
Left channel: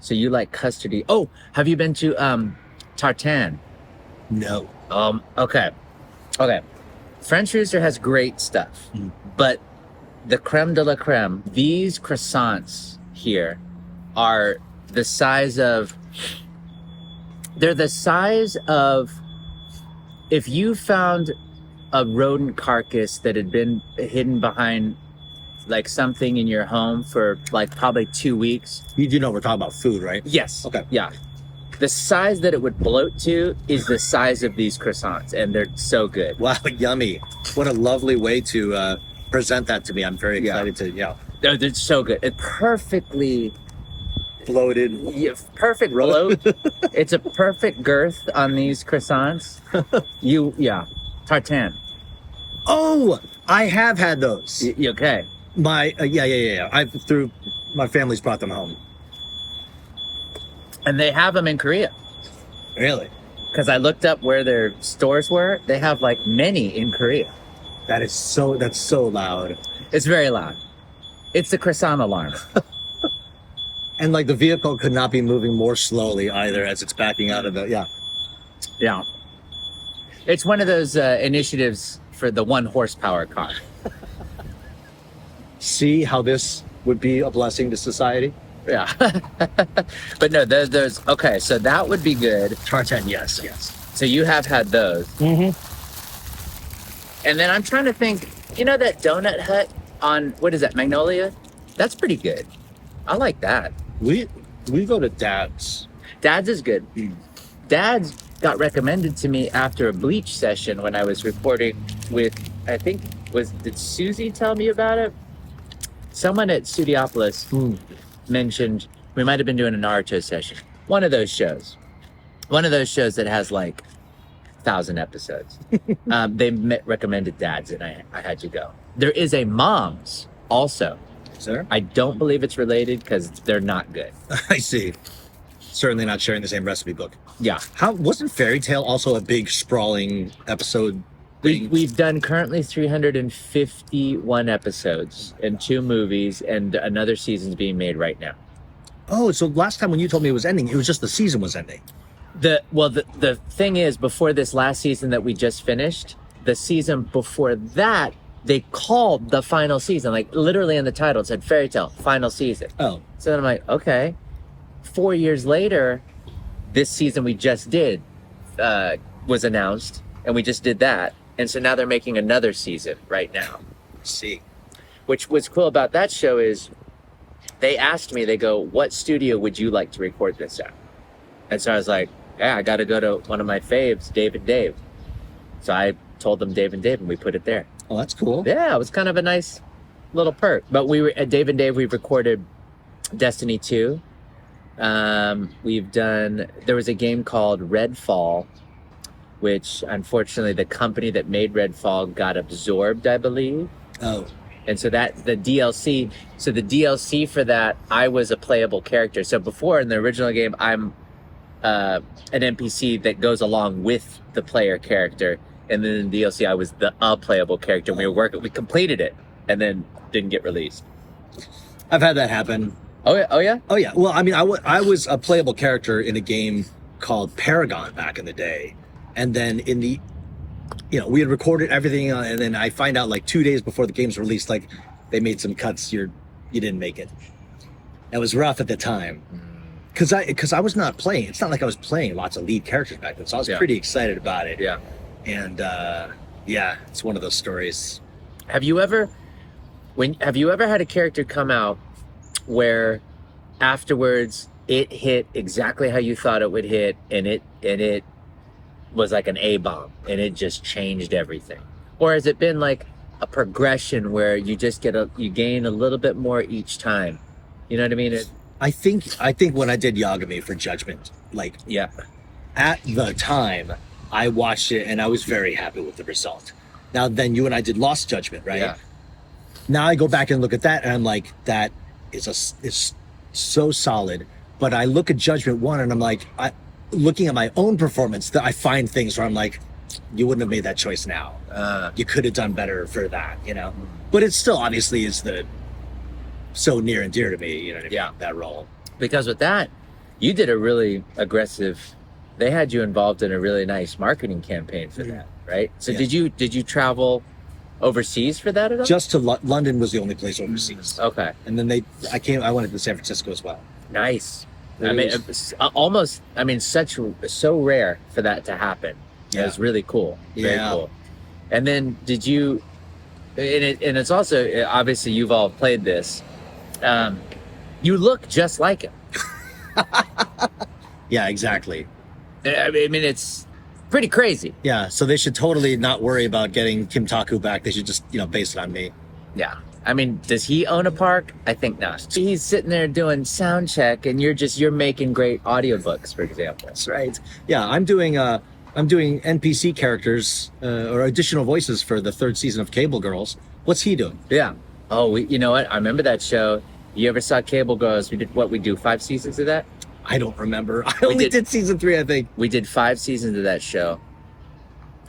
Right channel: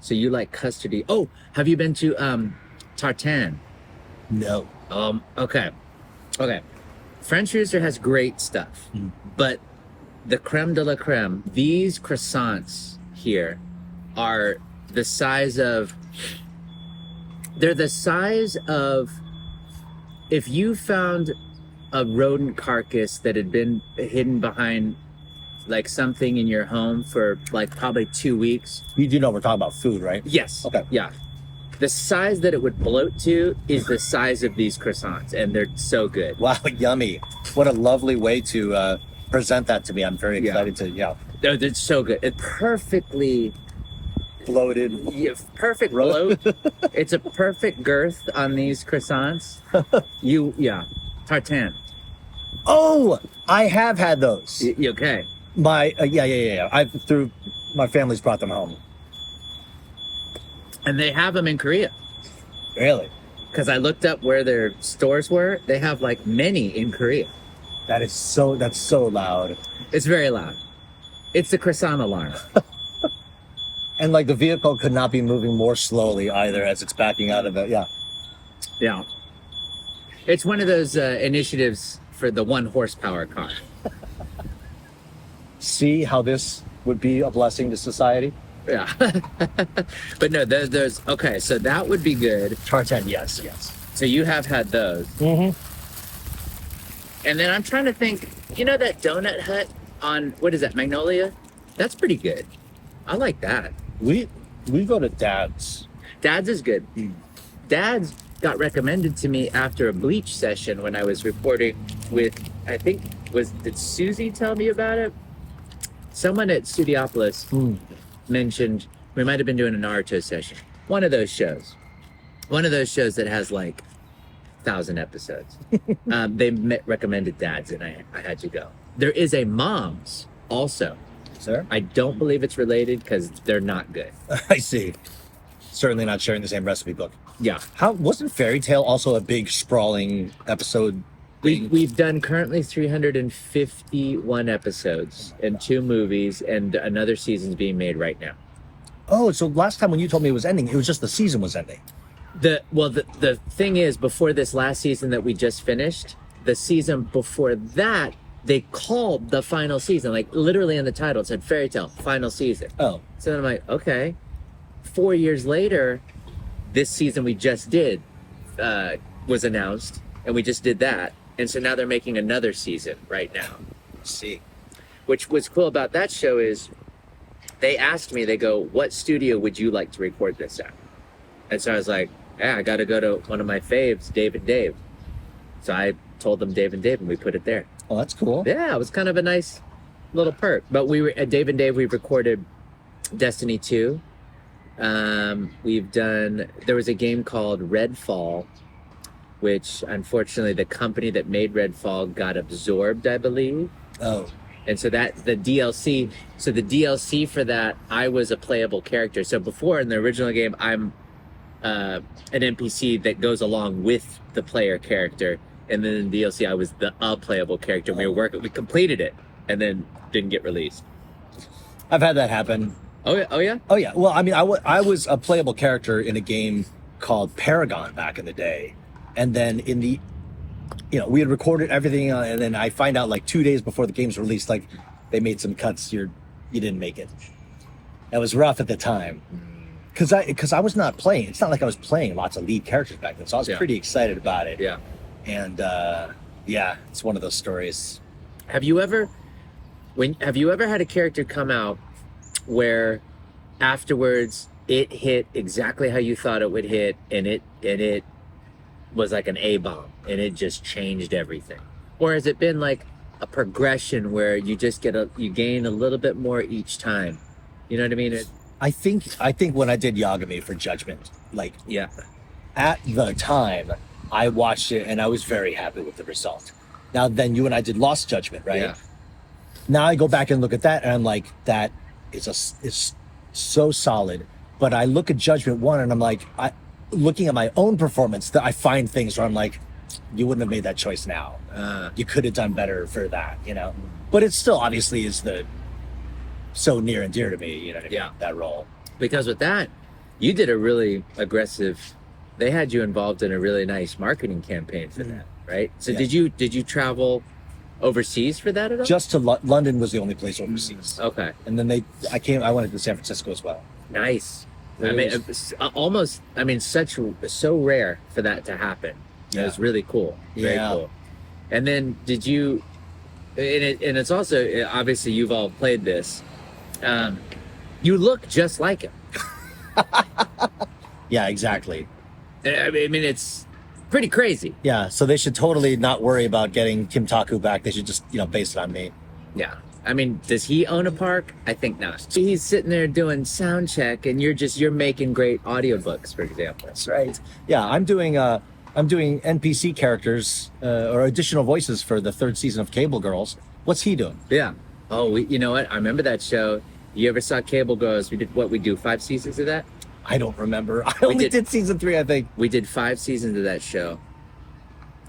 So you like custardy? Oh, have you been to Tartan? No. Okay. French Rooster has great stuff, but the creme de la creme, these croissants here are the size of. They're the size of if you found a rodent carcass that had been hidden behind like something in your home for like probably 2 weeks. You do know we're talking about food, right? Yes. Okay. Yeah. The size that it would bloat to is the size of these croissants, and they're so good. Wow, yummy. What a lovely way to present that to me. I'm very excited to, They're so good. It perfectly... bloated. Yeah, perfect bloat. It's a perfect girth on these croissants. Tartan. Oh, I have had those. You okay? My my family's brought them home. And they have them in Korea. Really? Because I looked up where their stores were. They have like many in Korea. That's so loud. It's very loud. It's the croissant alarm. And like the vehicle could not be moving more slowly either as it's backing out of it. Yeah. Yeah. It's one of those initiatives for the 1 horsepower car. See how this would be a blessing to society? Yeah. But no, there's okay, so that would be good. Tartan, yes. So you have had those. Mm-hmm. And then I'm trying to think, you know that Donut Hut on, what is that, Magnolia? That's pretty good. I like that. We go to Dad's. Dad's is good. Dad's got recommended to me after a bleach session when I was recording with, I think, did Susie tell me about it? Someone at Studiopolis mentioned, we might have been doing a Naruto session. One of those shows that has like 1,000 episodes. They recommended Dad's, and I had to go. There is a Mom's also. Is there? I don't believe it's related because they're not good. I see. Certainly not sharing the same recipe book. Yeah. How wasn't Fairy Tale also a big sprawling episode? We've done currently 351 episodes and 2 movies, and another season's being made right now. Oh, so last time when you told me it was ending, it was just the season was ending. The thing is, before this last season that we just finished, the season before that, they called the final season, like literally in the title, it said Fairy Tale, final season. Oh. So then I'm like, okay. 4 years later, this season we just did was announced, and we just did that. And so now they're making another season right now. See. Which what's cool about that show is they asked me, they go, what studio would you like to record this at? And so I was like, yeah, I got to go to one of my faves, Dave and Dave. So I told them Dave and Dave, and we put it there. Oh, that's cool. Yeah, it was kind of a nice little perk. But we were at Dave and Dave, we recorded Destiny 2. There was a game called Redfall, which unfortunately the company that made Redfall got absorbed, I believe. Oh. And so the DLC for that, I was a playable character. So before in the original game, I'm an NPC that goes along with the player character. And then in DLC, I was a playable character. We completed it and then didn't get released. I've had that happen. Oh yeah? Oh yeah? Oh yeah. Well, I mean, I was a playable character in a game called Paragon back in the day. And then we had recorded everything, and then I find out like 2 days before the game's released, like they made some cuts. You didn't make it. It was rough at the time, because I was not playing. It's not like I was playing lots of lead characters back then, so I was pretty excited about it. Yeah. And it's one of those stories. Have you ever had a character come out where afterwards it hit exactly how you thought it would hit, and it was like an A-bomb and it just changed everything? Or has it been like a progression where you just you gain a little bit more each time? You know what I mean? I think when I did Yagami for Judgment, like, yeah, at the time I watched it and I was very happy with the result. Now then you and I did Lost Judgment, right? Yeah. Now I go back and look at that and I'm like, that is so solid. But I look at Judgment 1 and I'm like, looking at my own performance, that I find things where I'm like, you wouldn't have made that choice now. You could have done better for that, But it still obviously is so near and dear to me, you know what I mean? Yeah. That role. Because with that, you did a really aggressive. They had you involved in a really nice marketing campaign for that, right? So Yeah. did you travel overseas for that at all? Just to London was the only place overseas. Okay. And then I went to San Francisco as well. Nice. It I mean, was- it's almost. I mean, so rare for that to happen. Yeah. It was really cool. Very Yeah. cool. And then did you? And it's also obviously you've all played this. You look just like him. Yeah, exactly. I mean, it's pretty crazy. Yeah, so they should totally not worry about getting Kim Taku back. They should just, base it on me. Yeah. I mean, does he own a park? I think not. He's sitting there doing sound check, and you're making great audiobooks, for example. That's right. Yeah, I'm doing NPC characters or additional voices for the 3rd season of Cable Girls. What's he doing? Yeah. Oh, you know what? I remember that show. You ever saw Cable Girls? We did 5 seasons of that? I don't remember. I only did season 3, I think. We did 5 seasons of that show.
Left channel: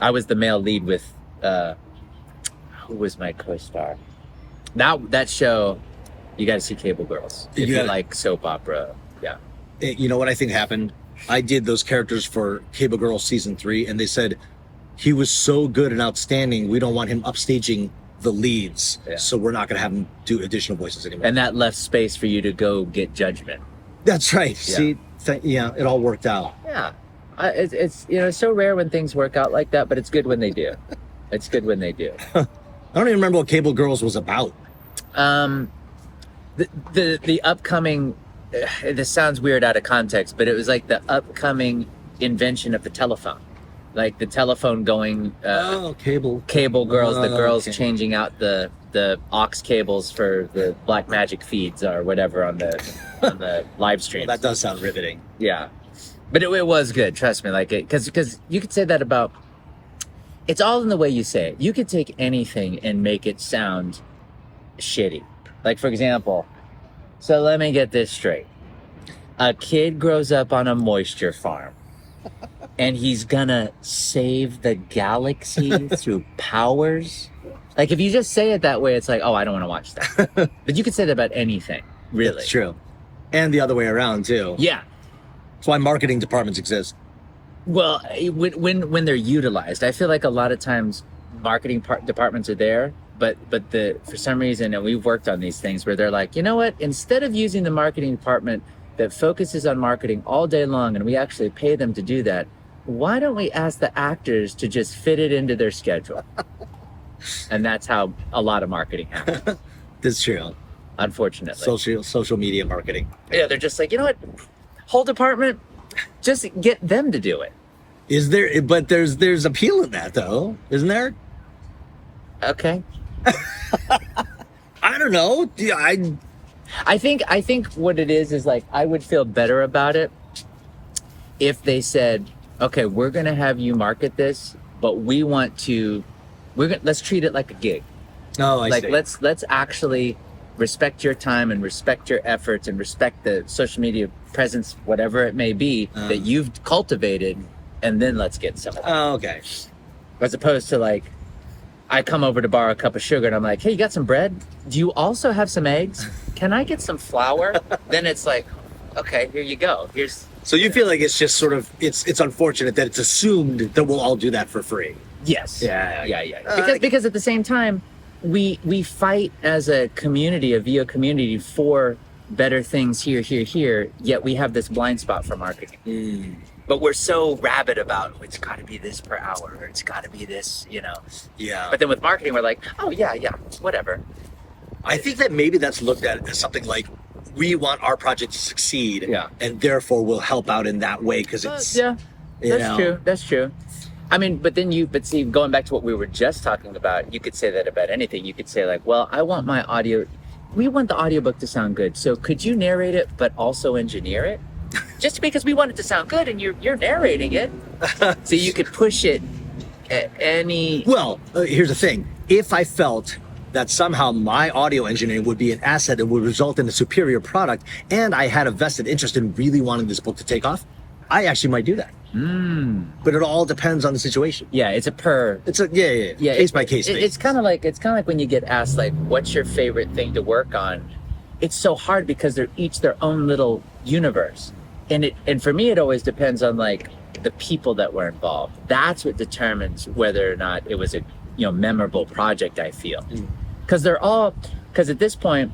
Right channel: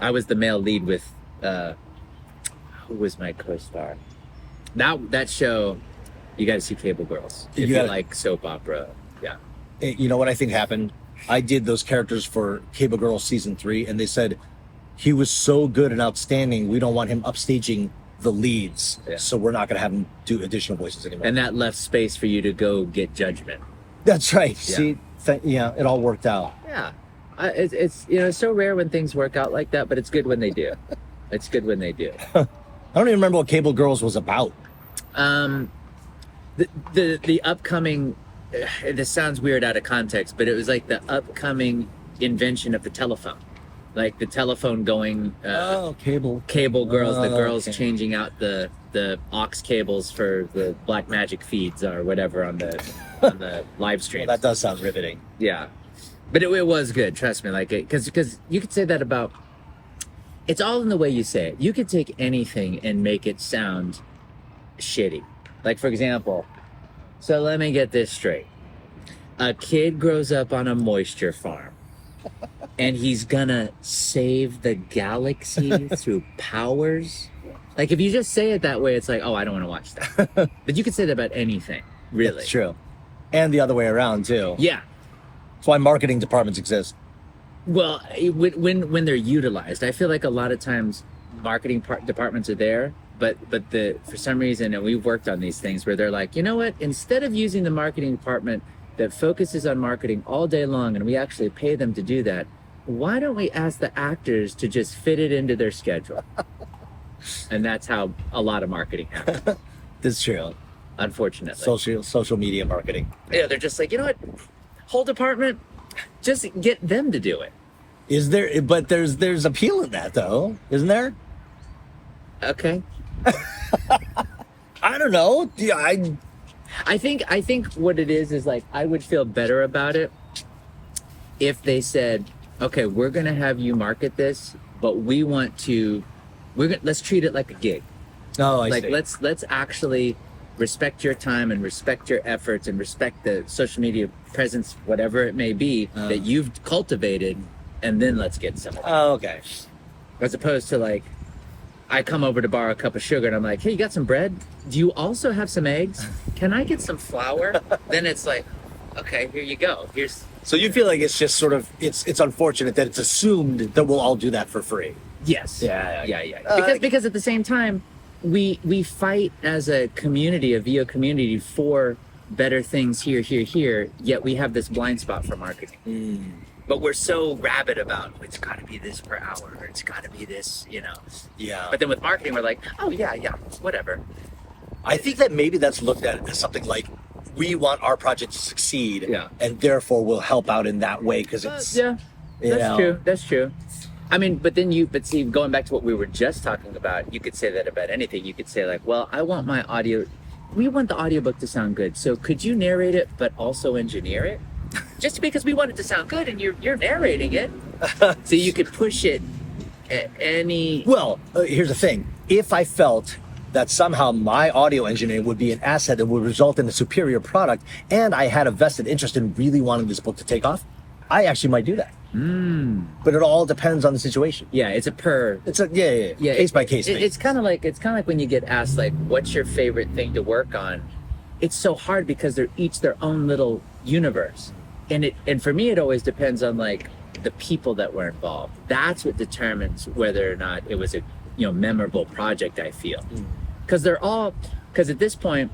I was the male lead with, who was my co-star? That show, you gotta see Cable Girls. If you like soap opera, yeah. You know what I think happened? I did those characters for Cable Girls season 3, and they said he was so good and outstanding, we don't want him upstaging the leads, so we're not going to have him do additional voices anymore. And that left space for you to go get Judgment. That's right. Yeah. See, it all worked out. Yeah. It's it's so rare when things work out like that, but it's good when they do. It's good when they do. I don't even remember what Cable Girls was about. The upcoming, this sounds weird out of context, but it was like the upcoming invention of the telephone, like the telephone going. Cable Girls, the girls okay. changing out the aux cables for the Black Magic feeds or whatever on the live stream. Well, that does sound riveting. Yeah, but it was good. Trust me, like it, because you could say that about. It's all in the way you say it. You could take anything and make it sound shitty. Like, for example, so let me get this straight. A kid grows up on a moisture farm and he's gonna save the galaxy through powers. Like, if you just say it that way, it's like, oh, I don't want to watch that. But you could say that about anything, really. That's true. And the other way around, too. Yeah. That's why marketing departments exist. Well, when they're utilized, I feel like a lot of times marketing departments are there, but for some reason, and we've worked on these things where they're like, you know what? Instead of using the marketing department that focuses on marketing all day long, and we actually pay them to do that, why don't we ask the actors to just fit it into their schedule? And that's how a lot of marketing happens. That's true. Unfortunately, Social media marketing. Yeah, they're just like, you know what? Whole department, just get them to do it. Is there? But there's appeal in that, though, isn't there? Okay. I don't know. Yeah, I think what it is like, I would feel better about it if they said, okay, we're gonna have you market this, but let's treat it like a gig. Oh, I like see. let's actually respect your time and respect your efforts and respect the social media presence, whatever it may be, that you've cultivated, and then let's get some of that. Oh, okay. As opposed to like, I come over to borrow a cup of sugar and I'm like, hey, you got some bread? Do you also have some eggs? Can I get some flour? Then it's like, okay, here you go. So you feel like it's just sort of, it's unfortunate that it's assumed that we'll all do that for free. Yes. Yeah. Because at the same time, we fight as a community, a VO community, for better things here, yet we have this blind spot for marketing. But we're so rabid about, it's got to be this per hour, or it's got to be this, Yeah. But then with marketing, we're like, oh, yeah, whatever. I think that maybe that's looked at as something like, we want our project to succeed, and therefore we'll help out in that way because it's That's true. I mean, but see, going back to what we were just talking about, you could say that about anything. You could say like, well, we want the audiobook to sound good, so could you narrate it but also engineer it? Just because we want it to sound good and you're narrating it, so you could push it at any. Well, here's the thing: if I felt that somehow my audio engineering would be an asset that would result in a superior product, and I had a vested interest in really wanting this book to take off, I actually might do that. But it all depends on the situation. Yeah, it's a case by case thing. It's kind of like when you get asked like, what's your favorite thing to work on? It's so hard because they're each their own little universe, and for me it always depends on like the people that were involved. That's what determines whether or not it was a memorable project. I feel because at this point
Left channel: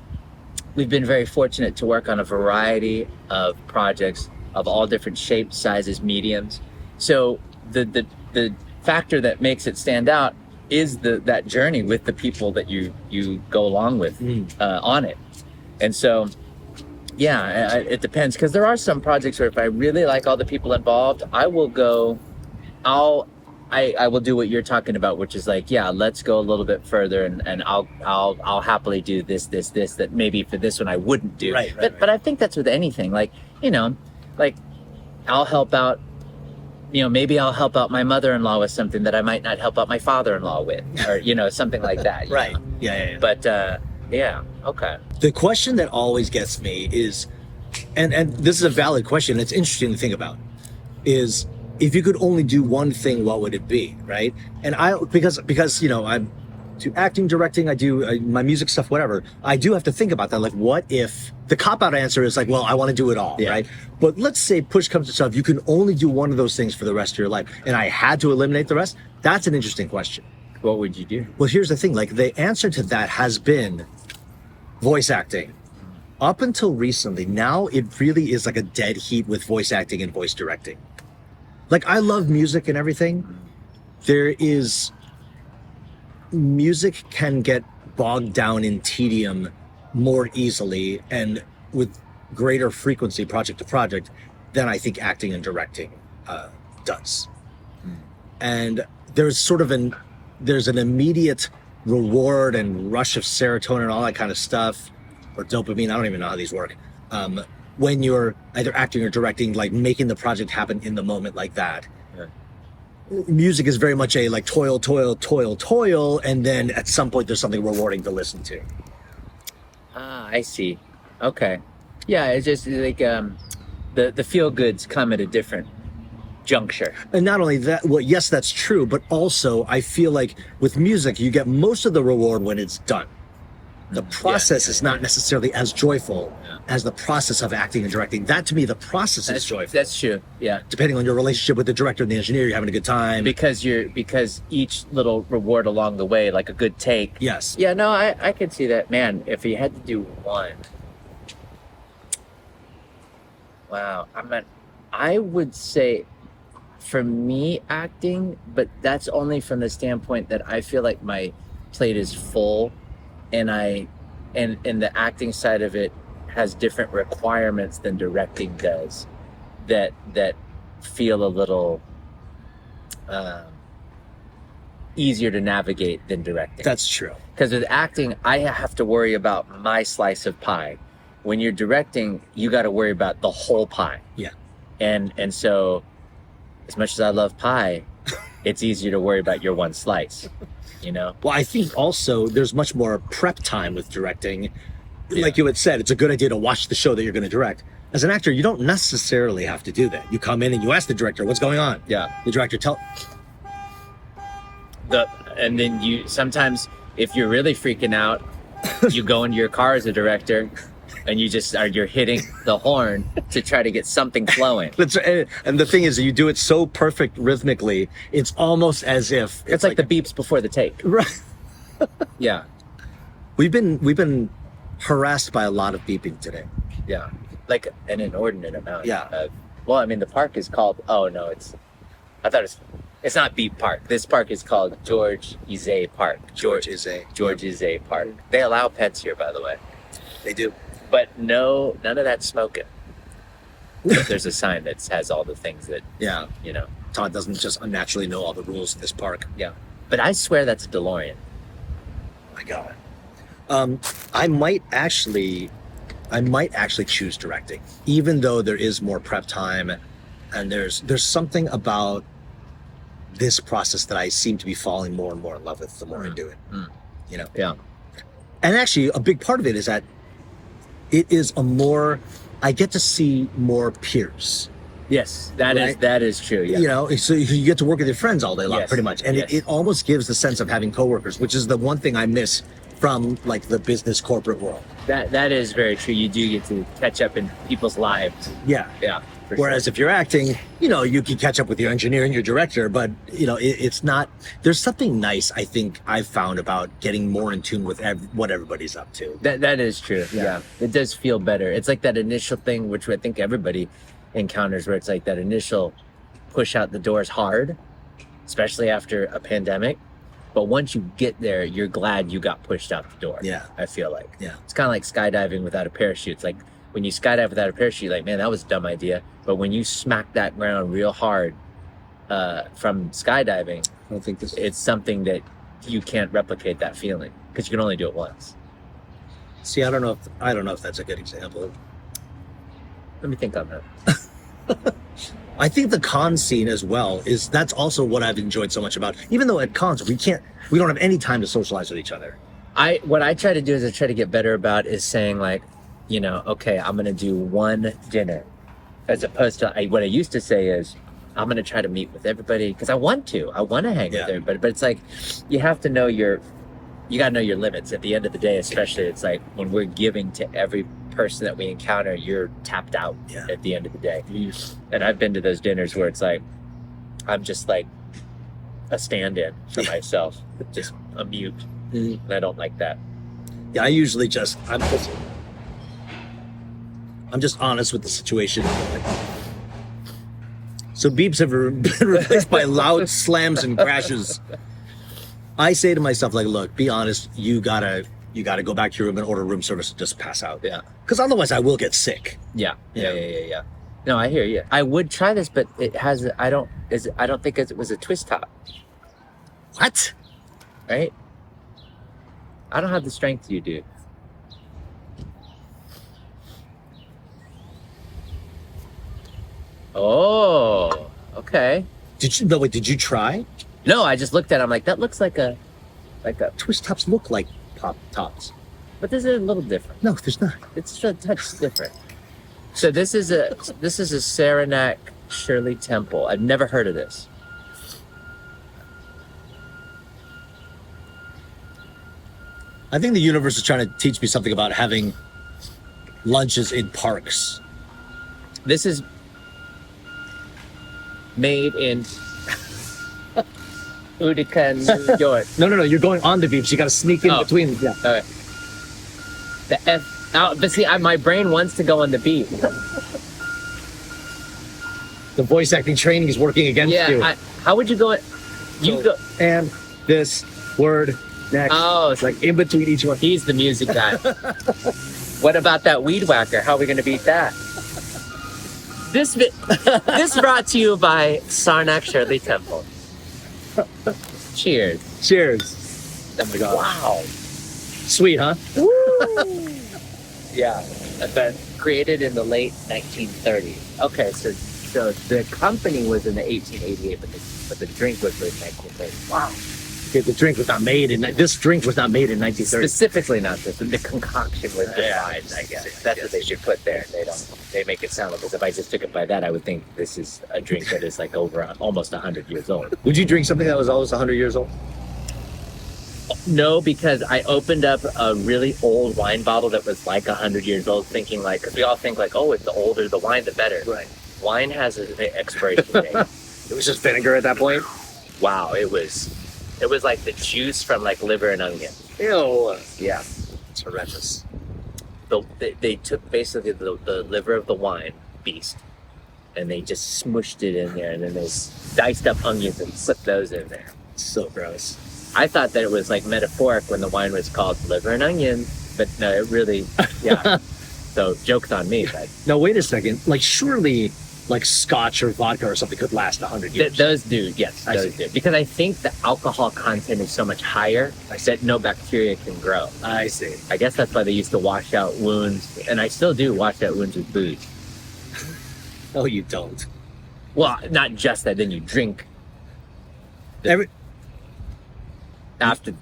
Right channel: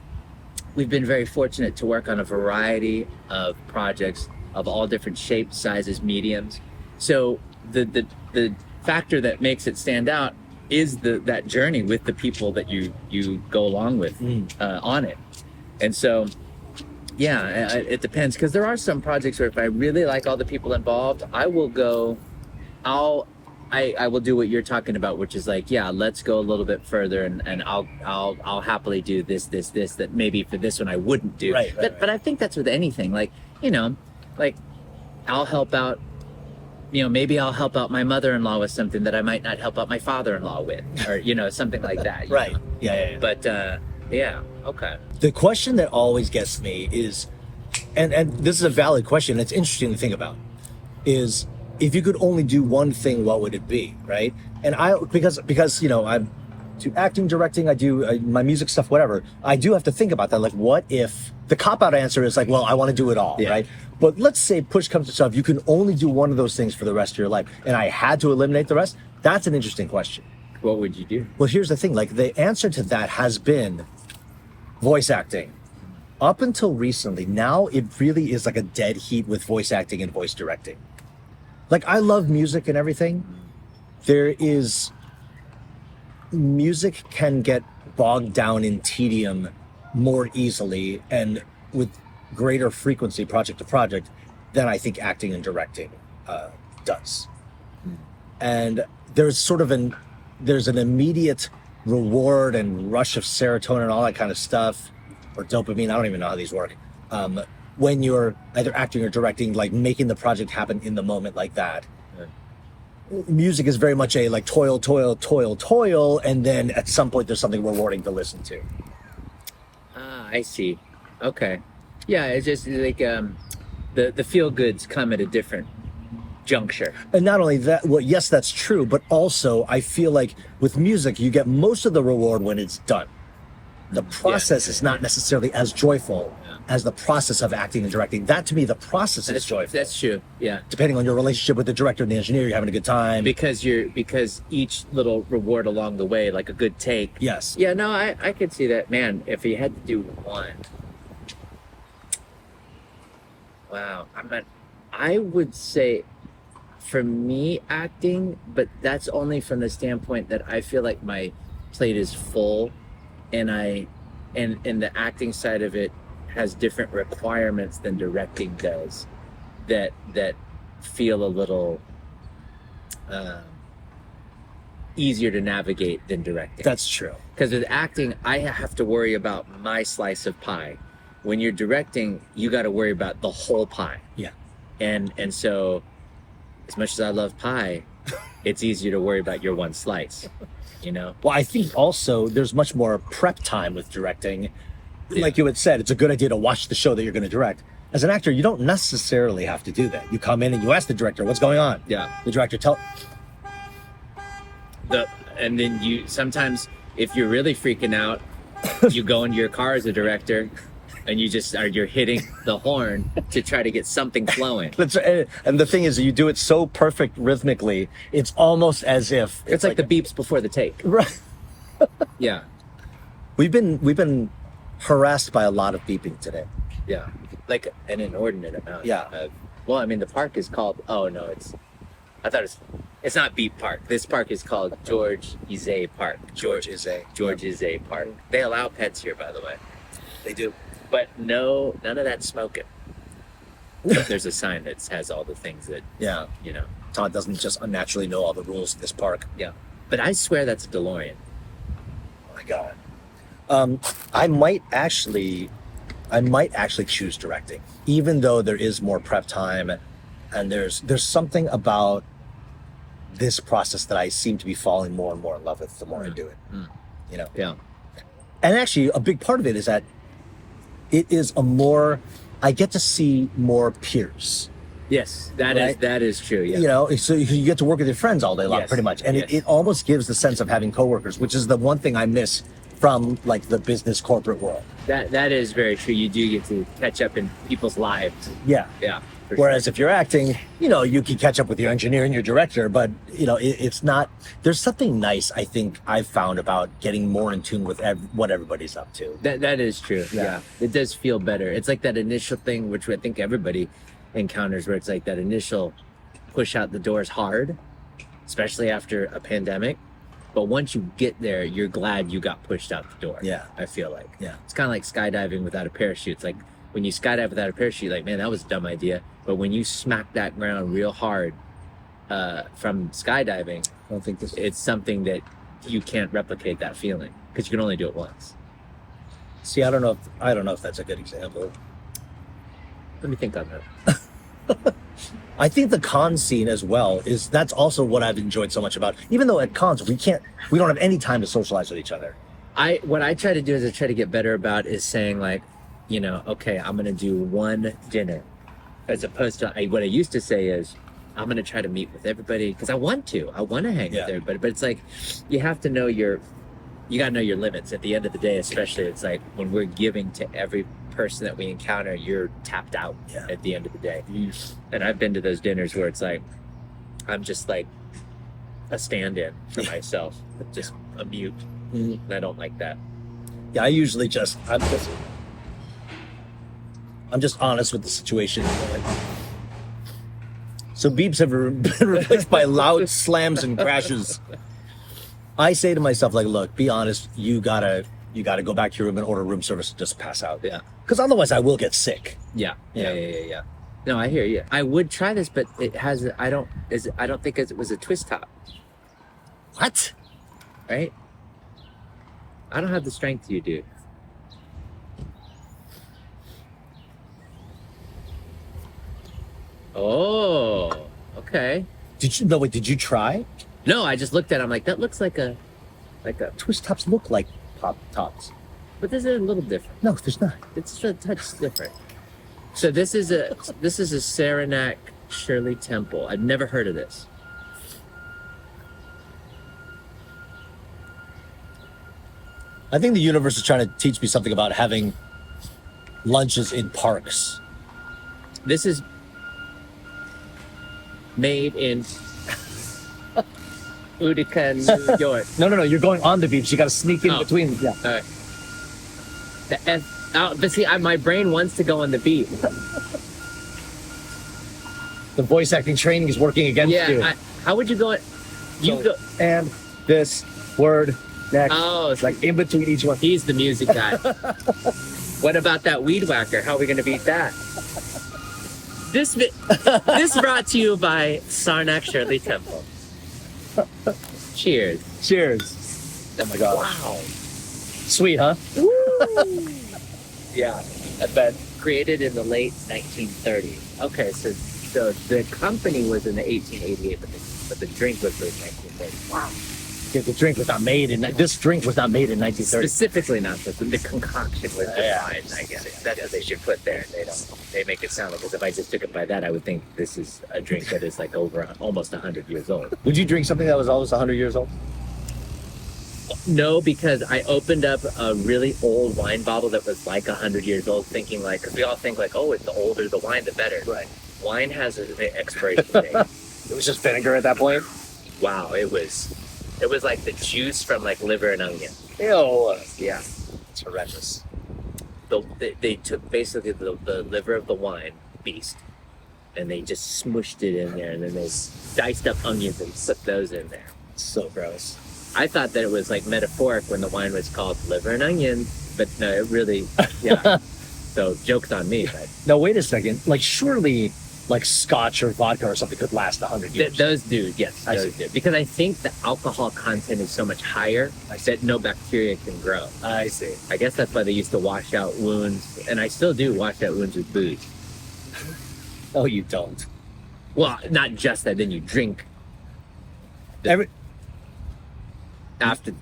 we've been very fortunate to work on a variety of projects of all different shapes, sizes, mediums. So the factor that makes it stand out is that journey with the people that you go along with on it. And so, yeah, it depends, because there are some projects where if I really like all the people involved, I will do what you're talking about, which is like, yeah, let's go a little bit further, and I'll happily do this that maybe for this one I wouldn't do. Right. But I think that's with anything, like I'll help out. Maybe I'll help out my mother-in-law with something that I might not help out my father-in-law with, or something like that. Right. know? Yeah. But yeah, okay. The question that always gets me is, and this is a valid question, it's interesting to think about, is if you could only do one thing, what would it be, right? And because I do acting, directing, I do my music stuff, whatever, I do have to think about that. Like, what if the cop-out answer is like, well, I want to do it all, right? But let's say push comes to shove, you can only do one of those things for the rest of your life, and I had to eliminate the rest. That's an interesting question. What would you do? Well, here's the thing. Like, the answer to that has been voice acting. Up until recently, now it really is like a dead heat with voice acting and voice directing. Like, I love music and everything. Music can get bogged down in tedium more easily and with greater frequency, project to project, than I think acting and directing does. And there's an immediate reward and rush of serotonin and all that kind of stuff, or dopamine. I don't even know how these work. When you're either acting or directing, like making the project happen in the moment like that. Music is very much a like toil, and then at some point there's something rewarding to listen to. Ah, I see. Okay. Yeah, it's just like the feel goods come at a different juncture. And not only that, well, yes, that's true, but also I feel like with music, you get most of the reward when it's done. The process is not necessarily as joyful as the process of acting and directing. That, to me, the process is joyful. That's true. Yeah. Depending on your relationship with the director and the engineer, you're having a good time. Because each little reward along the way, like a good take. Yes. Yeah, no, I could see that. Man, if you had to do one. Wow. I would say for me acting, but that's only from the standpoint that I feel like my plate is full and the acting side of it has different requirements than directing does that feel a little easier to navigate than directing. That's true. Because with acting, I have to worry about my slice of pie. When you're directing, you got to worry about the whole pie. Yeah. And so, as much as I love pie, it's easier to worry about your one slice, you know? Well, I think also there's much more prep time with directing. Like you had said, it's a good idea to watch the show that you're going to direct. As an actor, you don't necessarily have to do that. You come in and you ask the director, what's going on? Yeah. The director and then you sometimes, if you're really freaking out, you go into your car as a director and you're hitting the horn to try to get something flowing. And the thing is, you do it so perfect rhythmically, it's almost as if it's like the beeps before the take. Right. Yeah. We've been harassed by a lot of beeping today. Yeah. Like an inordinate amount. Yeah. Well, I mean, the park is called, it's not Beep Park. This park is called George Izay Park. George Izay Park. They allow pets here, by the way. They do. But none of that smoking. But there's a sign that has all the things that, yeah, you know. Todd doesn't just unnaturally know all the rules of this park. Yeah. But I swear that's a DeLorean. Oh my God. I might actually choose directing, even though there is more prep time, and there's something about this process that I seem to be falling more and more in love with the more I do it. You know? Yeah. And actually, a big part of it is that it is I get to see more peers. Yes, that is true. Yeah. You know, so you get to work with your friends all day long, pretty much. And it almost gives the sense of having coworkers, which is the one thing I miss from like the business corporate world. That is very true. You do get to catch up in people's lives. Yeah. Yeah. Whereas if you're acting, you know, you can catch up with your engineer and your director, but you know, it's not, there's something nice, I think I've found about getting more in tune with what everybody's up to. That is true. Yeah. It does feel better. It's like that initial thing, which I think everybody encounters, where it's like that initial push out the door is hard, especially after a pandemic. But once you get there, you're glad you got pushed out the door. Yeah. I feel like. Yeah. It's kind of like skydiving without a parachute. It's like when you skydive without a parachute, like, man, that was a dumb idea. But when you smack that ground real hard from skydiving, I don't think it's something that you can't replicate that feeling because you can only do it once. See, I don't know if that's a good example. Let me think on that. I think the con scene as well that's also what I've enjoyed so much about. Even though at cons we don't have any time to socialize with each other. What I try to do is I try to get better about is saying like, you know, okay, I'm gonna do one dinner, as opposed to what I used to say is I'm gonna try to meet with everybody because I want to hang with everybody. But it's like you have to know you gotta know your limits. At the end of the day, especially, it's like when we're giving to every person that we encounter, you're tapped out at the end of the day. And I've been to those dinners where it's like I'm just like a stand-in for myself, just a mute, and I don't like that. Yeah, I usually I'm just honest with the situation. Like, So beeps have been replaced by loud slams and crashes. I say to myself, like, look, be honest. You gotta go back to your room and order room service and just pass out. Yeah. Because otherwise I will get sick. Yeah. You know? Yeah. No, I hear you. I would try this, but it has. I don't think it was a twist top. What? Right? I don't have the strength you do. Oh, okay. Did you try? No, I just looked at it. I'm like, that looks like a Twist tops look like pop tops. but this is a little different. No, there's not. It's a touch different. So this is a Saranac Shirley Temple. I've never heard of this. I think the universe is trying to teach me something about having lunches in parks. This is made in Utica, New York. No. You're going on the beach. You got to sneak in Oh. between. Yeah. All right. But see, my brain wants to go on the beat. The voice acting training is working against you. How would you go? And this word next. Oh, It's like in between each one. he's the music guy. What about that weed whacker? How are we going to beat that? This brought to you by Saranac Shirley Temple. Cheers. Cheers. Oh my God. Wow. Sweet, huh? Yeah, I bet. Created in the late 1930s. Okay, so the company was in the 1888, but the drink was in 1930s. Wow. Okay, the drink was not made in. This drink was not made in 1930. Specifically not this. The concoction was Yeah, I guess. That's what they should put there. They make it sound like, because if I just took it by that, I would think this is a drink that is like almost 100 years old. Would you drink something that was almost 100 years old? No, because I opened up a really old wine bottle that was like 100 years old, thinking like, because we all think like, oh, it's the older the wine, the better. Right. Wine has an expiration date. It was just vinegar at that point. Wow, it was like the juice from like liver and onion. Ew. Yeah. It's horrendous. They took basically the liver of the wine beast, and they just smushed it in there, and then those diced up onions and put those in there. So gross. I thought that it was like metaphoric when the wine was called liver and onion, but no, it really, yeah. So joke's on me. Like, Now wait a second. Like surely, like Scotch or vodka or something could last 100 years. those do, yes, I those see. do. Because I think the alcohol content is so much higher that no bacteria can grow. I see. I guess that's why they used to wash out wounds, and I still do wash out wounds with booze. Oh, you don't. Well, not just that. Then you drink Every after.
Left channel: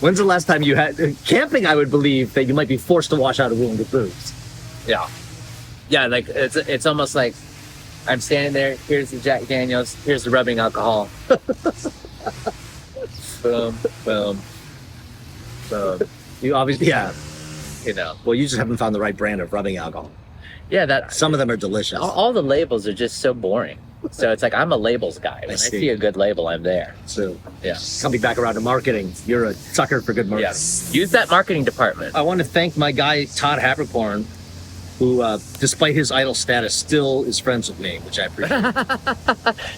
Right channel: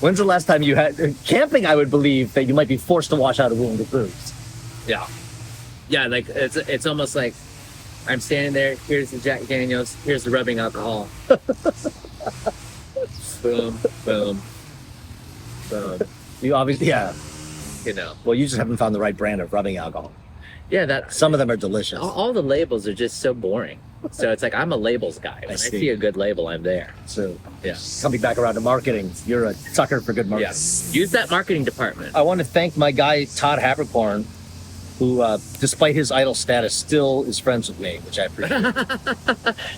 When's the last time you had camping? I would believe that you might be forced to wash out a wound with booze. Yeah, like it's almost like I'm standing there. Here's the Jack Daniels. Here's the rubbing alcohol. Boom, boom, boom. You obviously, yeah. You know. Well, you just haven't found the right brand of rubbing alcohol. Yeah, that Some of them are delicious. all the labels are just so boring. So it's like I'm a labels guy. When I see. see a good label, I'm there. So, Yeah. coming back around to marketing, you're a sucker for good marketing. Yeah. Use that marketing department. I want to thank my guy Todd Haberkorn, who, despite his idol status, still is friends with me, which I appreciate.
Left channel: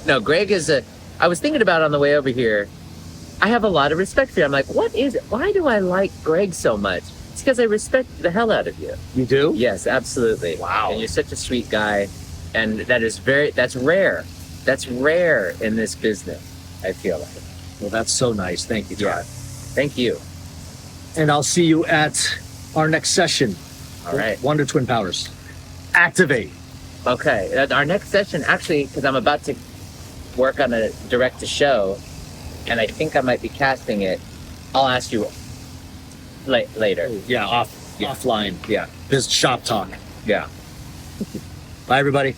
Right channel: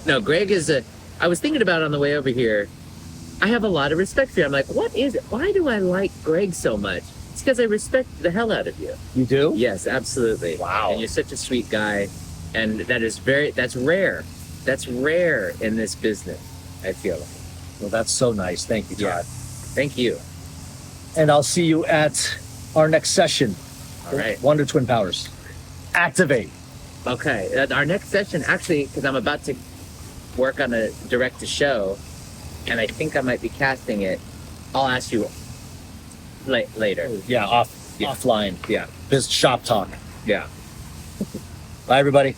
No, Greg is I was thinking about it on the way over here. I have a lot of respect for you. I'm like, what is it? Why do I like Greg so much? It's because I respect the hell out of you. You do? Yes, absolutely. Wow. And you're such a sweet guy, and that's rare. That's rare in this business, I feel like. Well, that's so nice. Thank you, Todd. Thank you. And I'll see you at our next session. All right. Wonder Twin Powers. Activate. Okay. Our next session, actually, because I'm about to work on a direct to show, and I think I might be casting it. I'll ask you later. Yeah, offline. Yeah. Biz shop talk. Yeah. Bye, everybody.